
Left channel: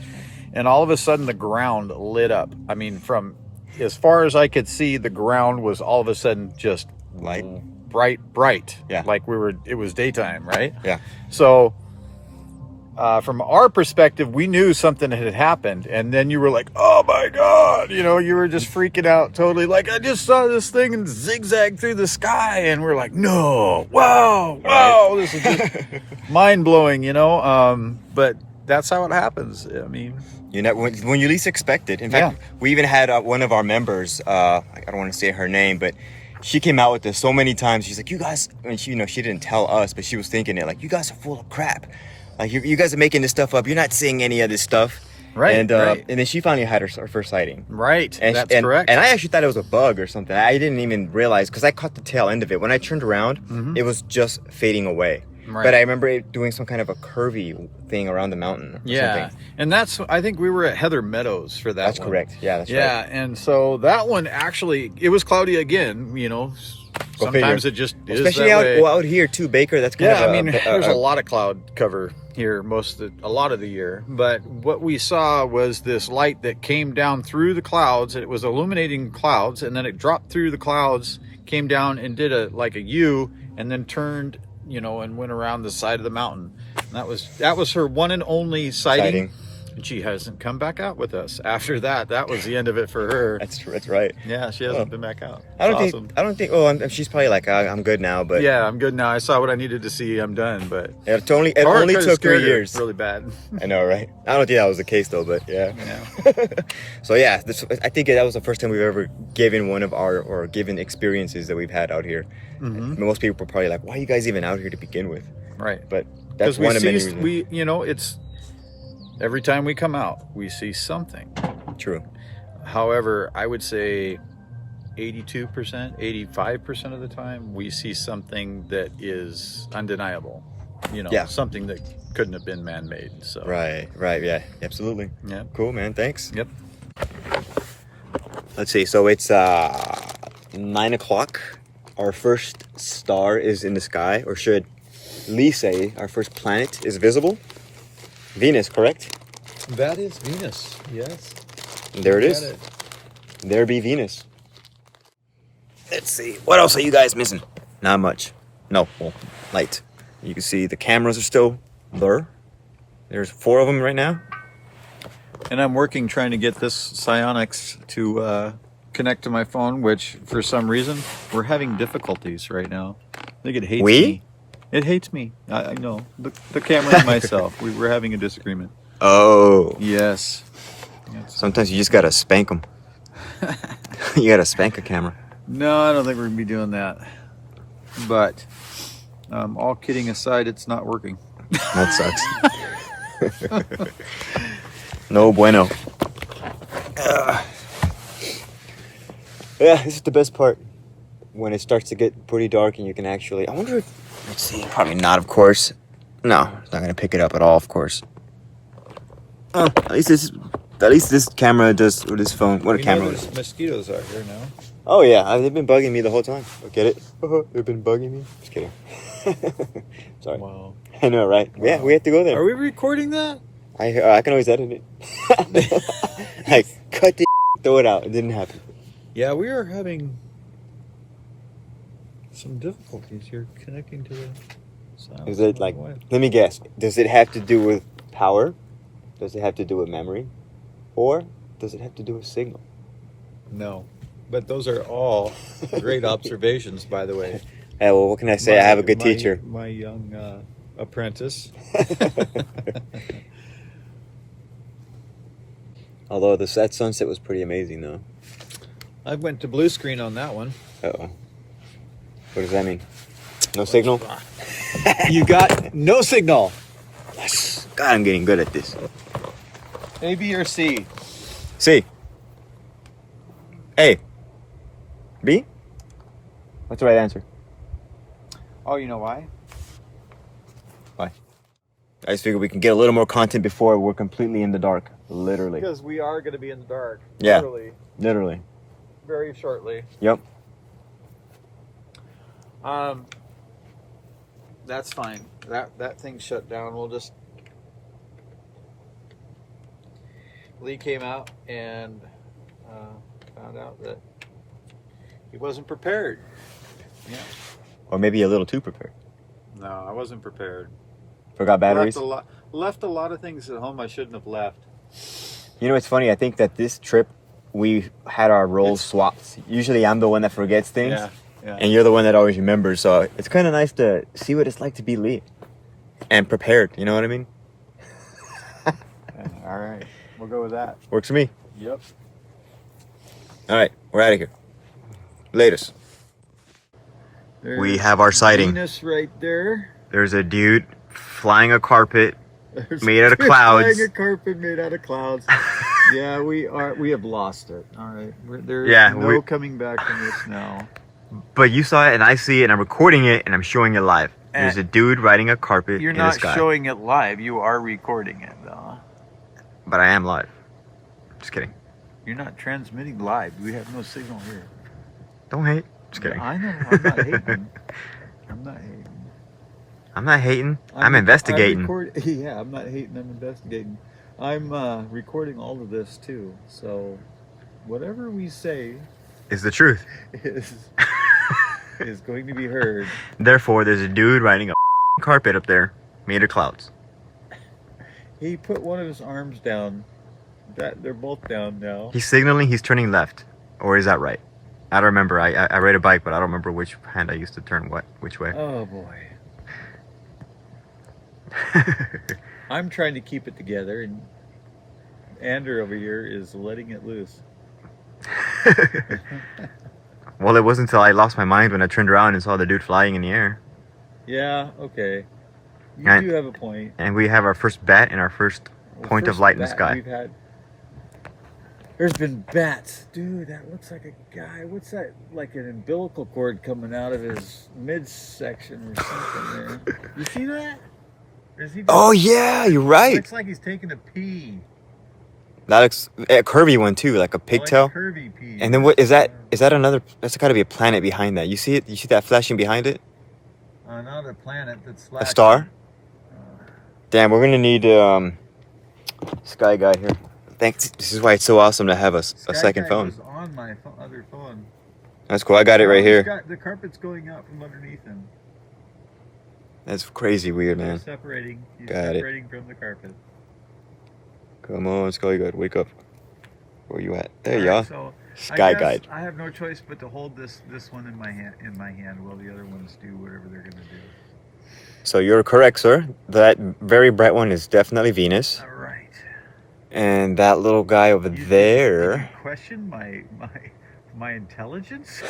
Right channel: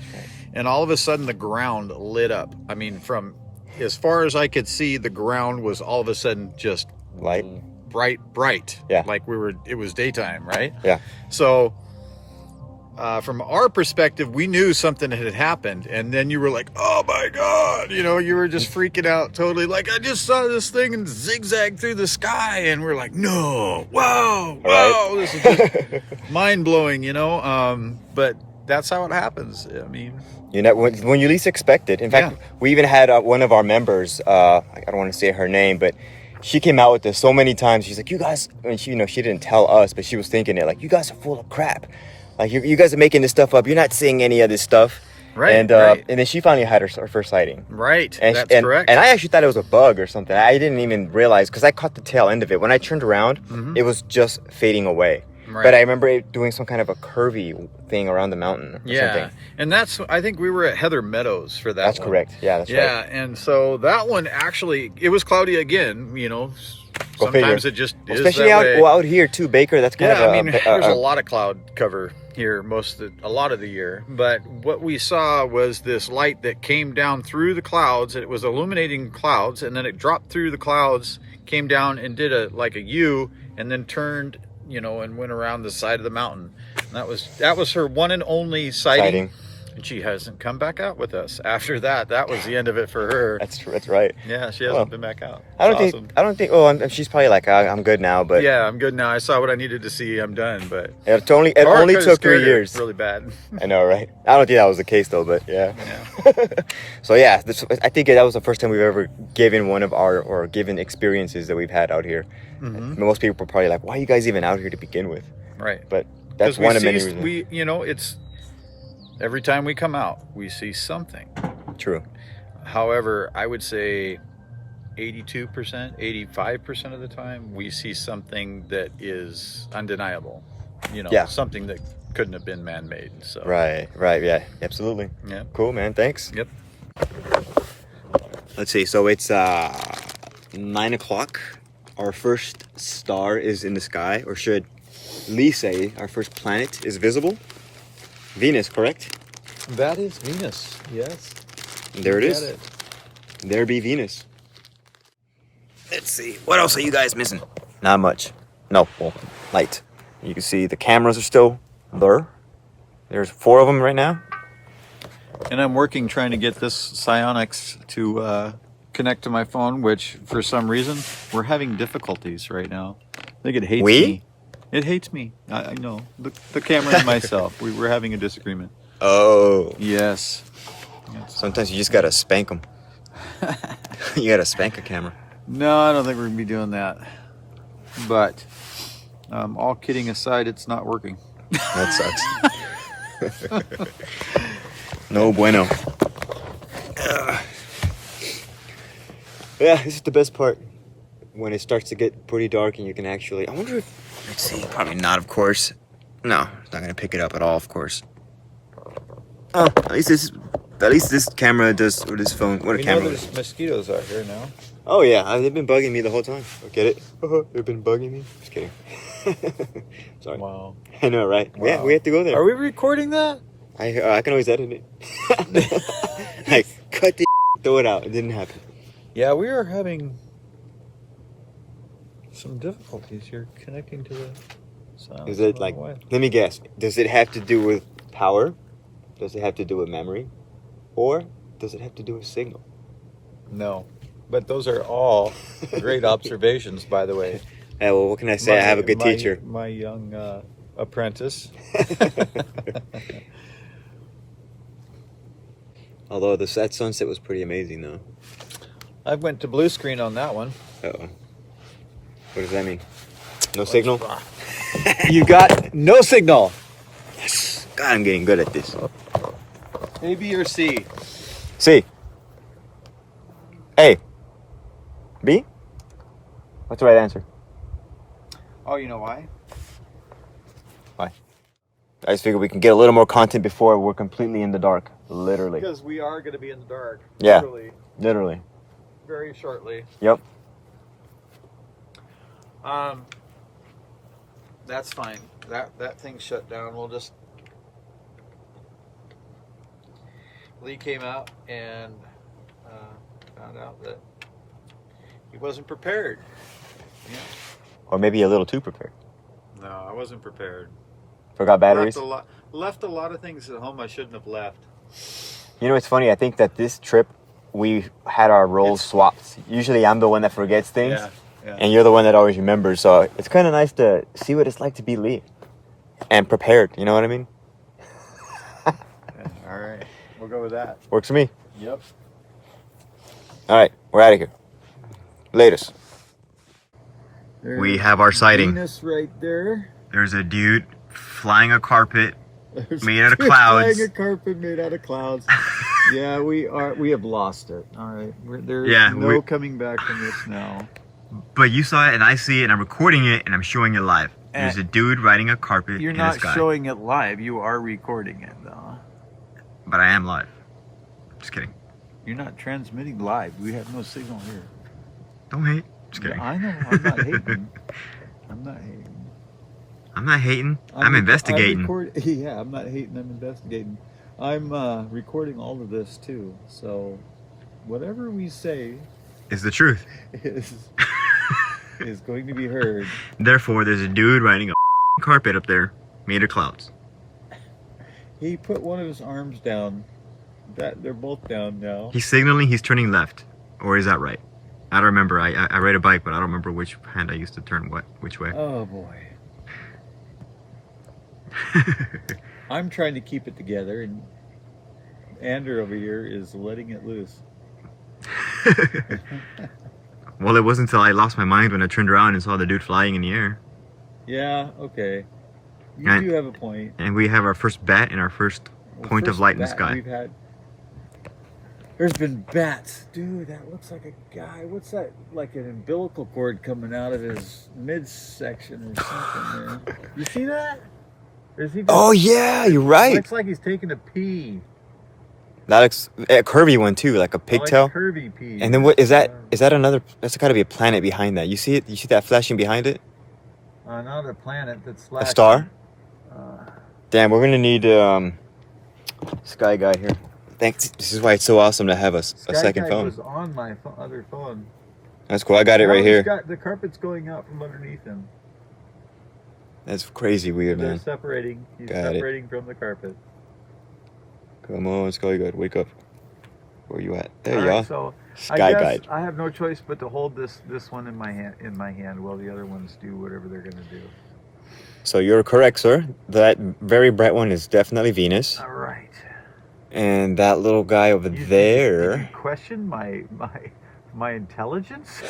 and all of a sudden the ground lit up. I mean, from as far as I could see, the ground was all of a sudden just light, bright. Yeah. Like it was daytime, right? Yeah. So from our perspective, we knew something had happened, and then you were like, oh my God, you were just freaking out totally, like, I just saw this thing and zigzag through the sky, and we're like, no, wow, this is just mind-blowing, but that's how it happens. I mean, when you least expect it. In fact, we even had one of our members, I don't want to say her name, but she came out with this so many times. She's like, you guys, and she didn't tell us, but she was thinking it, like, you guys are full of crap. Like, you guys are making this stuff up. You're not seeing any of this stuff. Right, and then she finally had her first sighting. Right, that's correct. And I actually thought it was a bug or something. I didn't even realize, because I caught the tail end of it. When I turned around, it was just fading away. Right. But I remember it doing some kind of a curvy thing around the mountain or something. And I think we were at Heather Meadows for that That's one. Correct. Yeah, that's right. Yeah, and so that one actually, it was cloudy again, Sometimes it just is especially that way. Out here too, Baker. That's kind of there's a lot of cloud cover here a lot of the year. But what we saw was this light that came down through the clouds. It was illuminating clouds, and then it dropped through the clouds, came down and did a U, and then turned, and went around the side of the mountain. And that was her one and only sighting. And she hasn't come back out with us after that. That was the end of it for her. That's right. Yeah, she hasn't been back out. I don't think. Well, she's probably like, I'm good now. But yeah, I'm good now. I saw what I needed to see. I'm done. But it only took 3 years. Really bad. I know, right? I don't think that was the case though. But yeah. So yeah, I think that was the first time we've ever given one of our given experiences that we've had out here. Mm-hmm. Most people are probably like, why are you guys even out here to begin with? Right. But that's one of many reasons. It's every time we come out, we see something. True. However, I would say 82%, 85% of the time, we see something that is undeniable. Something that couldn't have been man-made. So. Right. Yeah, absolutely. Yeah. Cool, man. Thanks. Yep. Let's see. So it's 9 o'clock. Our first star is in the sky, or should Lee say our first planet is visible? Venus, correct? That is Venus, yes. And there it is. There be Venus. Let's see. What else are you guys missing? Not much. No, well, light. You can see the cameras are still blur. There's 4 of them right now. And I'm working trying to get this Psionics to connect to my phone, which for some reason we're having difficulties right now. I think it hates me. It hates me. I know. The camera and myself. We were having a disagreement. Oh. Yes. Sometimes you just gotta spank them. You gotta spank a camera. No, I don't think we're gonna be doing that. But all kidding aside, it's not working. That sucks. No bueno. Yeah, this is the best part. When it starts to get pretty dark and you can actually... I wonder if... Let's see. Probably not, of course. No, it's not going to pick it up at all, of course. Oh, at least this camera does... Or this phone... What a camera. There's mosquitoes out here now. Oh, yeah. They've been bugging me the whole time. Get it? They've been bugging me. Just kidding. Sorry. Wow. I know, right? Wow. Yeah, we have to go there. Are we recording that? I can always edit it. Like, cut the throw it out. It didn't happen. Yeah, we are having some difficulties here connecting to the sound. Is it like, let me guess, does it have to do with power? Does it have to do with memory? Or does it have to do with signal? No, but those are all great observations, by the way. Yeah, well, what can I say? I have a good teacher. My young apprentice. Although that sunset was pretty amazing, though. I went to blue screen on that one. Uh-oh. What does that mean? No signal? You got no signal. Yes. God, I'm getting good at this. A, B, or C? C. A. B? What's the right answer? Oh, you know why? Why? I just figured we can get a little more content before we're completely in the dark. Literally. Because we are going to be in the dark. Yeah. Literally. Very shortly. Yep. That's fine. That thing shut down. We'll just... Lee came out and found out that he wasn't prepared. Yeah. Or maybe a little too prepared. No, I wasn't prepared. Forgot batteries? Left a lot of things at home I shouldn't have left. You know, it's funny. I think that this trip, we had our roles swapped. Usually I'm the one that forgets things. Yeah. And you're the one that always remembers. So it's kind of nice to see what it's like to be Lee. And prepared. You know what I mean? Yeah, all right. We'll go with that. Works for me. Yep. All right. We're out of here. Latest. There's We have our sighting. Venus right there. There's a dude flying a carpet There's made out of clouds. Flying a carpet made out of clouds. Yeah, we have lost it. All right. There's no coming back from this now. But you saw it and I see it and I'm recording it and I'm showing it live. There's a dude riding a carpet You're in not the sky. showing it live. You are recording it, though. But I am live. Just kidding. You're not transmitting live. We have no signal here. Don't hate. Just kidding. I know. I'm not hating. I'm not hating. I'm not hating. I'm investigating. Yeah, I'm not hating. I'm investigating. I'm recording all of this, too. So whatever we say is the truth. is going to be heard. Therefore, there's a dude riding a carpet up there made of clouds. He put one of his arms down. They're both down now. He's signaling he's turning left. Or is that right? I don't remember. I ride a bike, but I don't remember which hand I used to turn which way. Oh, boy. I'm trying to keep it together, and Andrew over here is letting it loose. Well, it wasn't until I lost my mind when I turned around and saw the dude flying in the air. Yeah, okay. You do have a point. And we have our first bat and our first point of light in the sky. There's been bats. Dude, that looks like a guy. What's that? Like an umbilical cord coming out of his midsection or something there. You see that? Or is he just, oh, yeah, you're right. Looks like he's taking a pee. That looks a curvy one, too, like a pigtail. Like a curvy pee. And then what is that? Is that another? That's got to be a planet behind that. You see it? You see that flashing behind it? Another planet that's flashing. A star? Damn, we're gonna need Sky Guy here. Thanks. This is why it's so awesome to have a second phone. Was on my other phone. That's cool. I got it right here. The carpet's going out from underneath him. That's crazy weird, man. They're separating. He's got separating from the carpet. Come on, Sky Guide, wake up. Where you at? There you All are. right, so Sky I guess Guide. I have no choice but to hold this one in my hand while the other ones do whatever they're gonna do. So you're correct, sir. That very bright one is definitely Venus. All right. And that little guy over Did there. you question my intelligence?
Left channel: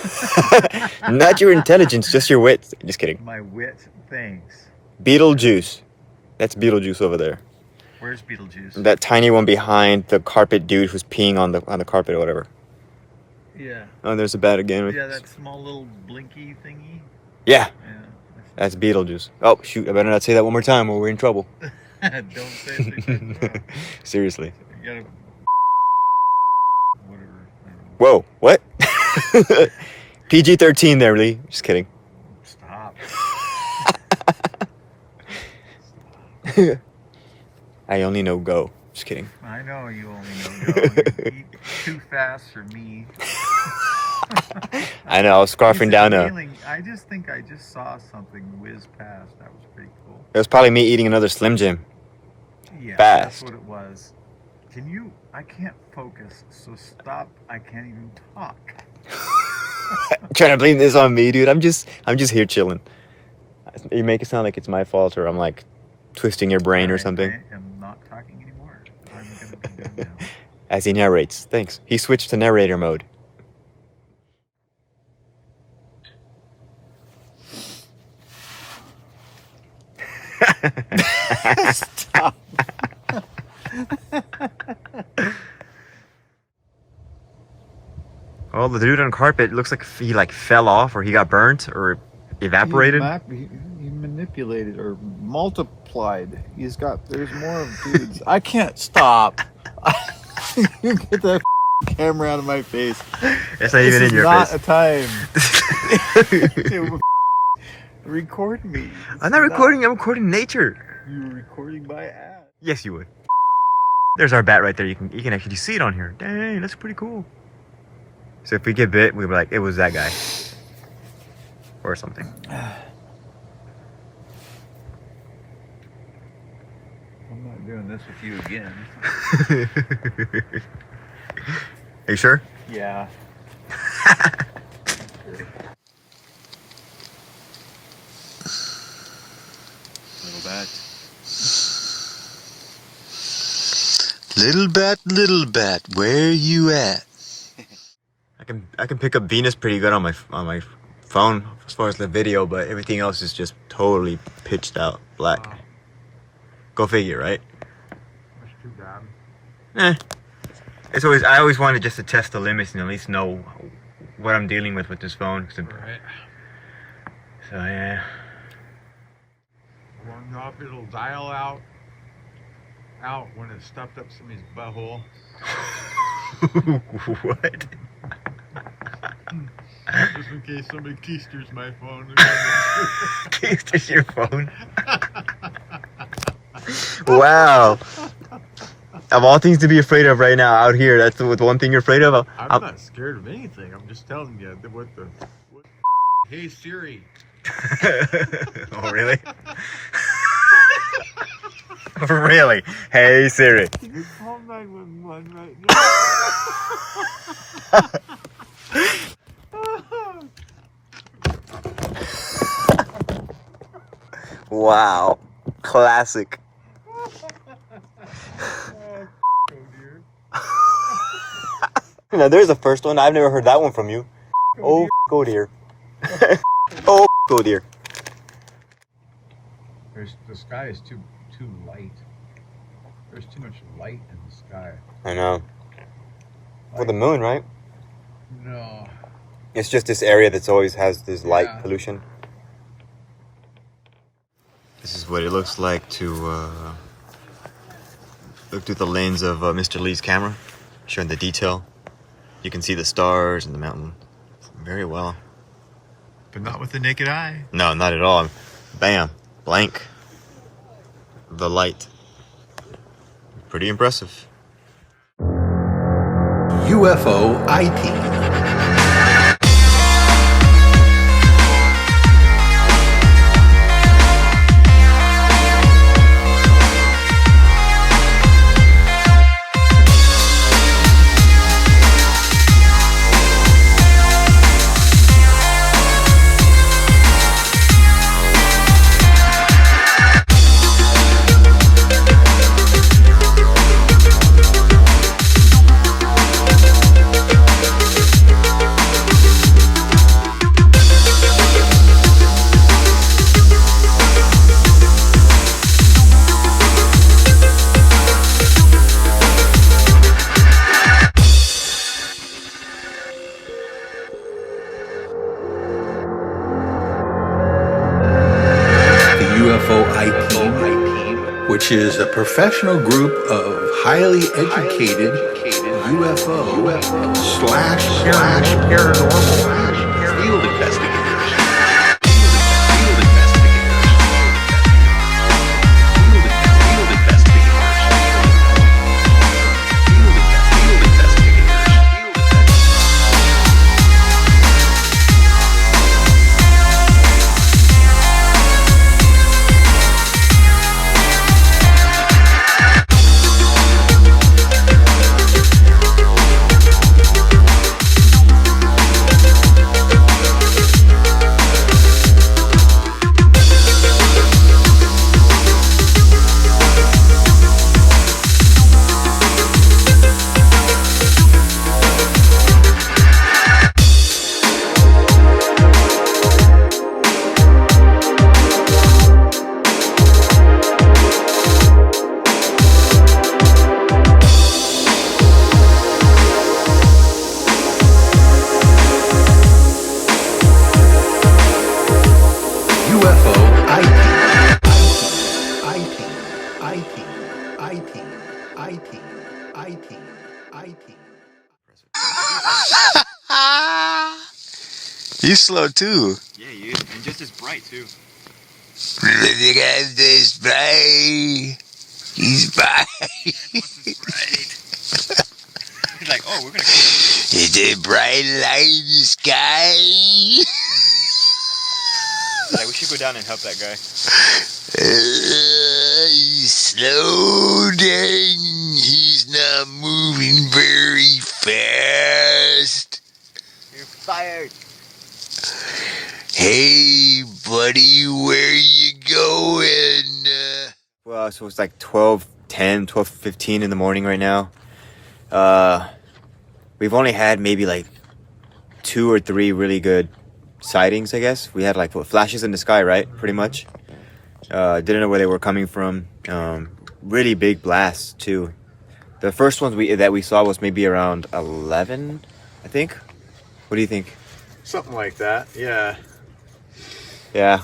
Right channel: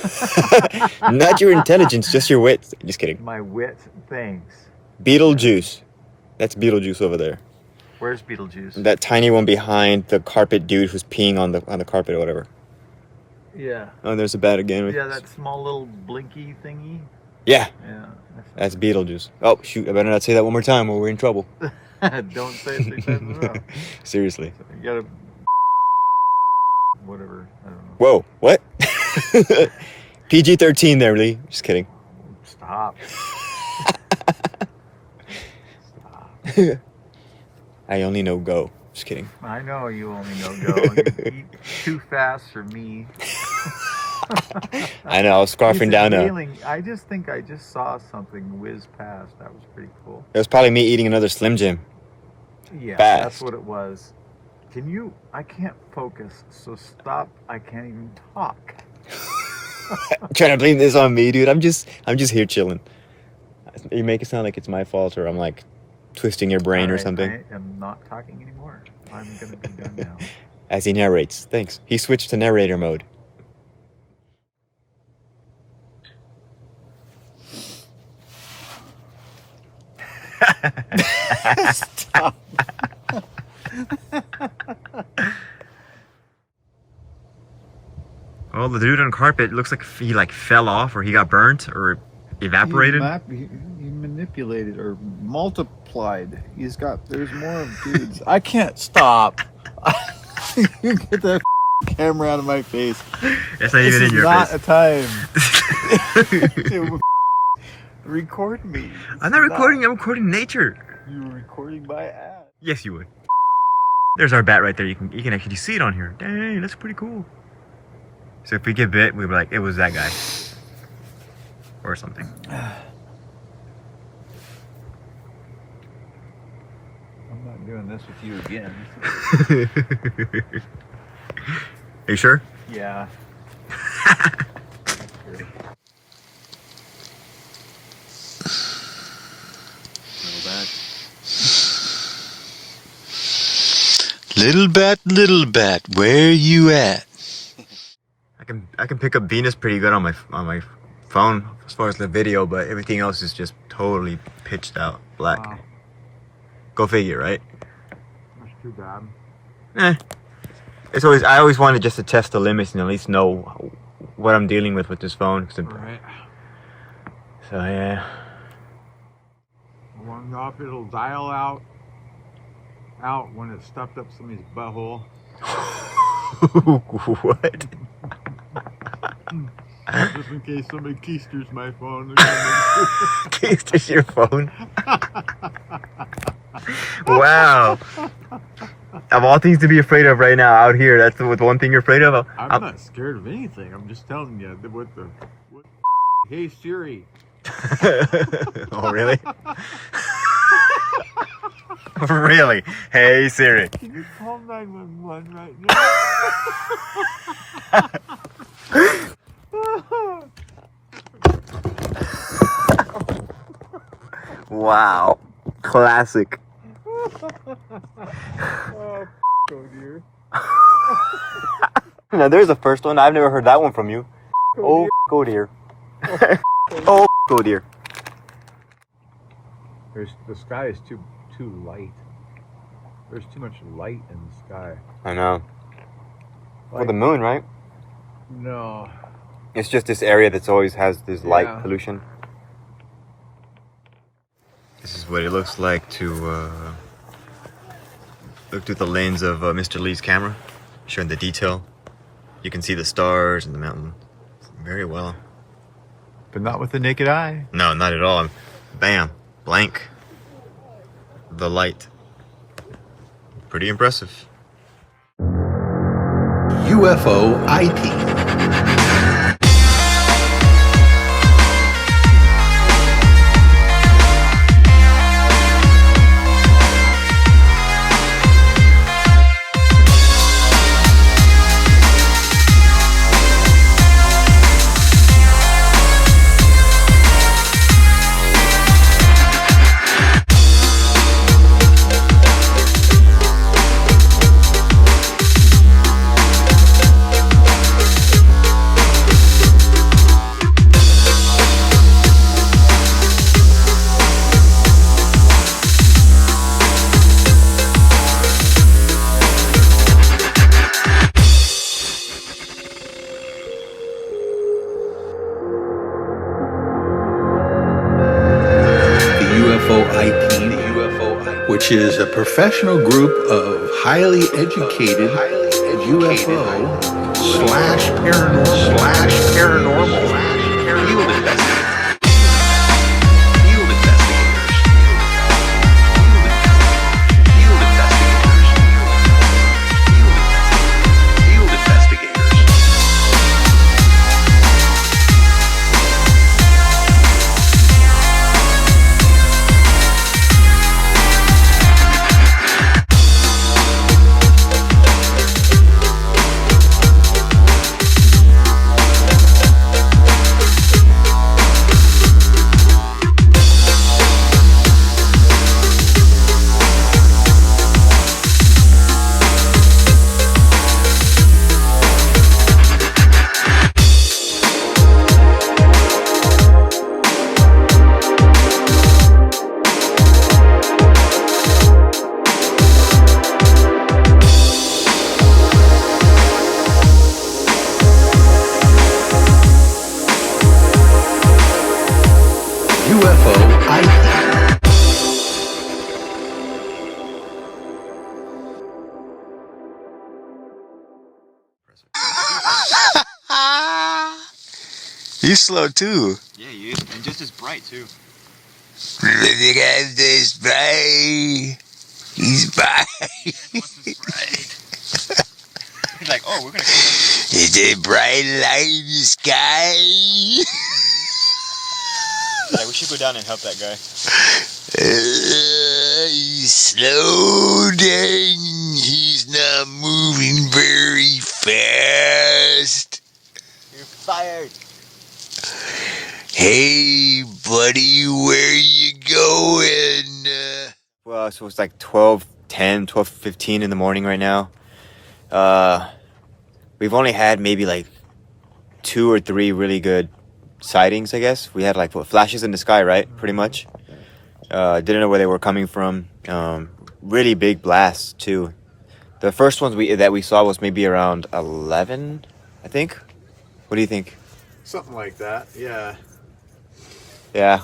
Not your intelligence, just your wit. Just kidding. My wit, thanks. Beetlejuice. That's Beetlejuice over there. Where's Beetlejuice? That tiny one behind the carpet dude who's peeing on the carpet or whatever. Yeah. Oh, there's a bat again. Yeah, that small little blinky thingy. Yeah, Yeah. that's Beetlejuice. Oh, shoot, I better not say that one more time or we're in trouble. Don't say it 6 times in a row. Seriously. You gotta... Whatever. I don't know. Whoa, what? PG-13 there, Lee. Just kidding. Stop. I only know go. Just kidding. I know you only know go. You eat too fast for me. I know, I was scarfing down a... I just think I just saw something whiz past. That was pretty cool. It was probably me eating another Slim Jim. Yeah, Fast. that's what it was. Can you... I can't focus, so stop. I can't even talk. Trying to blame this on me, dude. I'm just here chilling. You make it sound like it's my fault or I'm like twisting your brain or Alright, something. I am not talking anymore. I'm going to be done now. As he narrates. Thanks. He switched to narrator mode. Stop. Oh, the dude on carpet looks like he like fell off or he got burnt or evaporated. He manipulated or multiplied. There's more of dudes. I can't stop. You get that camera out of my face. It's not even in your This face. is not a time. Record me. I'm not recording. I'm recording nature. You're recording my ass. Yes, you would. There's our bat right there. You can actually see it on here. Dang, that's pretty cool. So if we get bit, we'd be like, it was that guy. Or something. I'm not doing this with you again. Are you sure? Yeah. Little bat, where you at? I can pick up Venus pretty good on my phone as far as the video, but everything else is just totally pitched out black. Wow. Go figure, right? That's too bad. I always wanted just to test the limits and at least know what I'm dealing with this phone. Right. So yeah. Warmed up, it'll dial out when it's stuffed up somebody's butthole. What? Just in case somebody keisters my phone. Keisters your phone? Wow. Of all things to be afraid of right now out here, that's the one thing you're afraid of? I'm not scared of anything. I'm just telling you what Hey Siri. Oh, really? Really? Hey Siri. Can you call 911 right now? Wow. Classic. Now there's the first one. I've never heard that one from you. Oh, go dear. Oh, go dear. The sky is too light. There's too much light in the sky. I know. For the moon, right? No. It's just this area that's always has this light pollution. This is what it looks like to look through the lens of Mr. Lee's camera, showing the detail. You can see the stars and the mountain very well. But not with the naked eye. No, not at all. Bam, blank. The light. Pretty impressive. UFOiTEAM. which is a professional group of highly educated UFO slash paranormal. He's slow too. Yeah, he is, and just as bright too. Look at this bright. He's bright. He's like, oh, we're gonna. It's a bright light in the sky. Yeah, we should go down and help that guy. He's slow down. He's not moving very fast. You're fired. Hey, buddy, where you going? Well, so it's like 12:15 in the morning right now. We've only had maybe like 2 or 3 really good sightings, I guess. We had like flashes in the sky, right? Pretty much. Didn't know where they were coming from. Really big blasts too. The first ones that we saw was maybe around 11, I think. What do you think? Something like that, yeah. Yeah,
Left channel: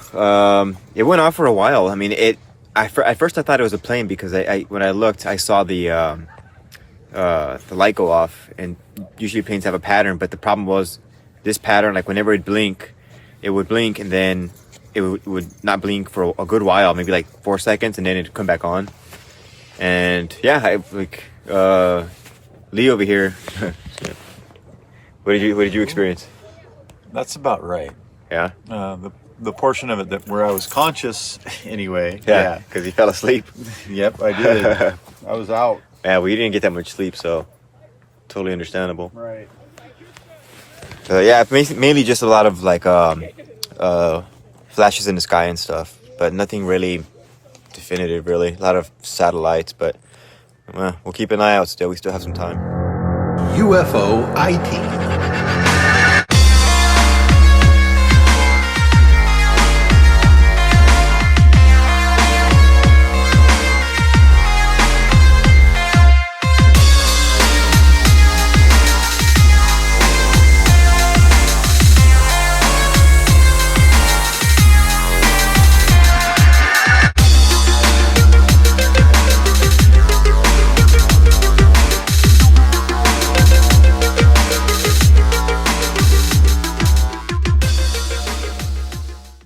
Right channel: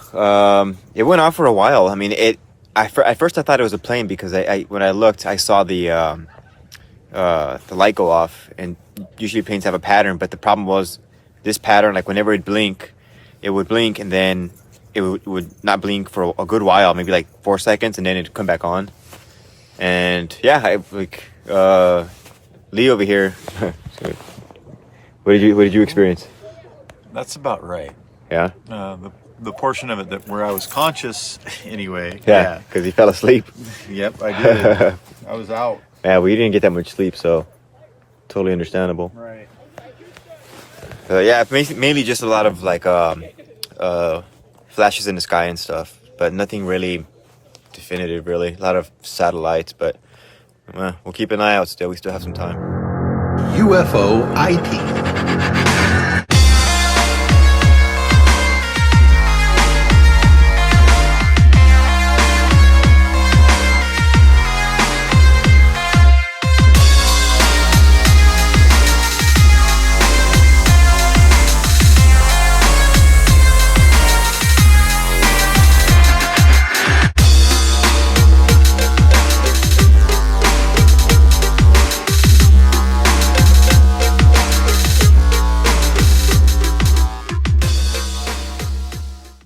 it went on for a while. I mean, at first I thought it was a plane because when I looked, I saw the light go off, and usually planes have a pattern, but the problem was this pattern, like whenever it would blink and then it would not blink for a good while, maybe like 4 seconds, and then it'd come back on. And yeah, Lee over here, what did you experience? That's about right. Yeah. The portion of it where I was conscious, anyway. Yeah, because he fell asleep. Yep, I did. I was out. Yeah, we didn't get that much sleep, so totally understandable. Right. Yeah, mainly just a lot of like flashes in the sky and stuff, but nothing really definitive, really. A lot of satellites, but we'll keep an eye out still. We still have some time. UFOiTEAM.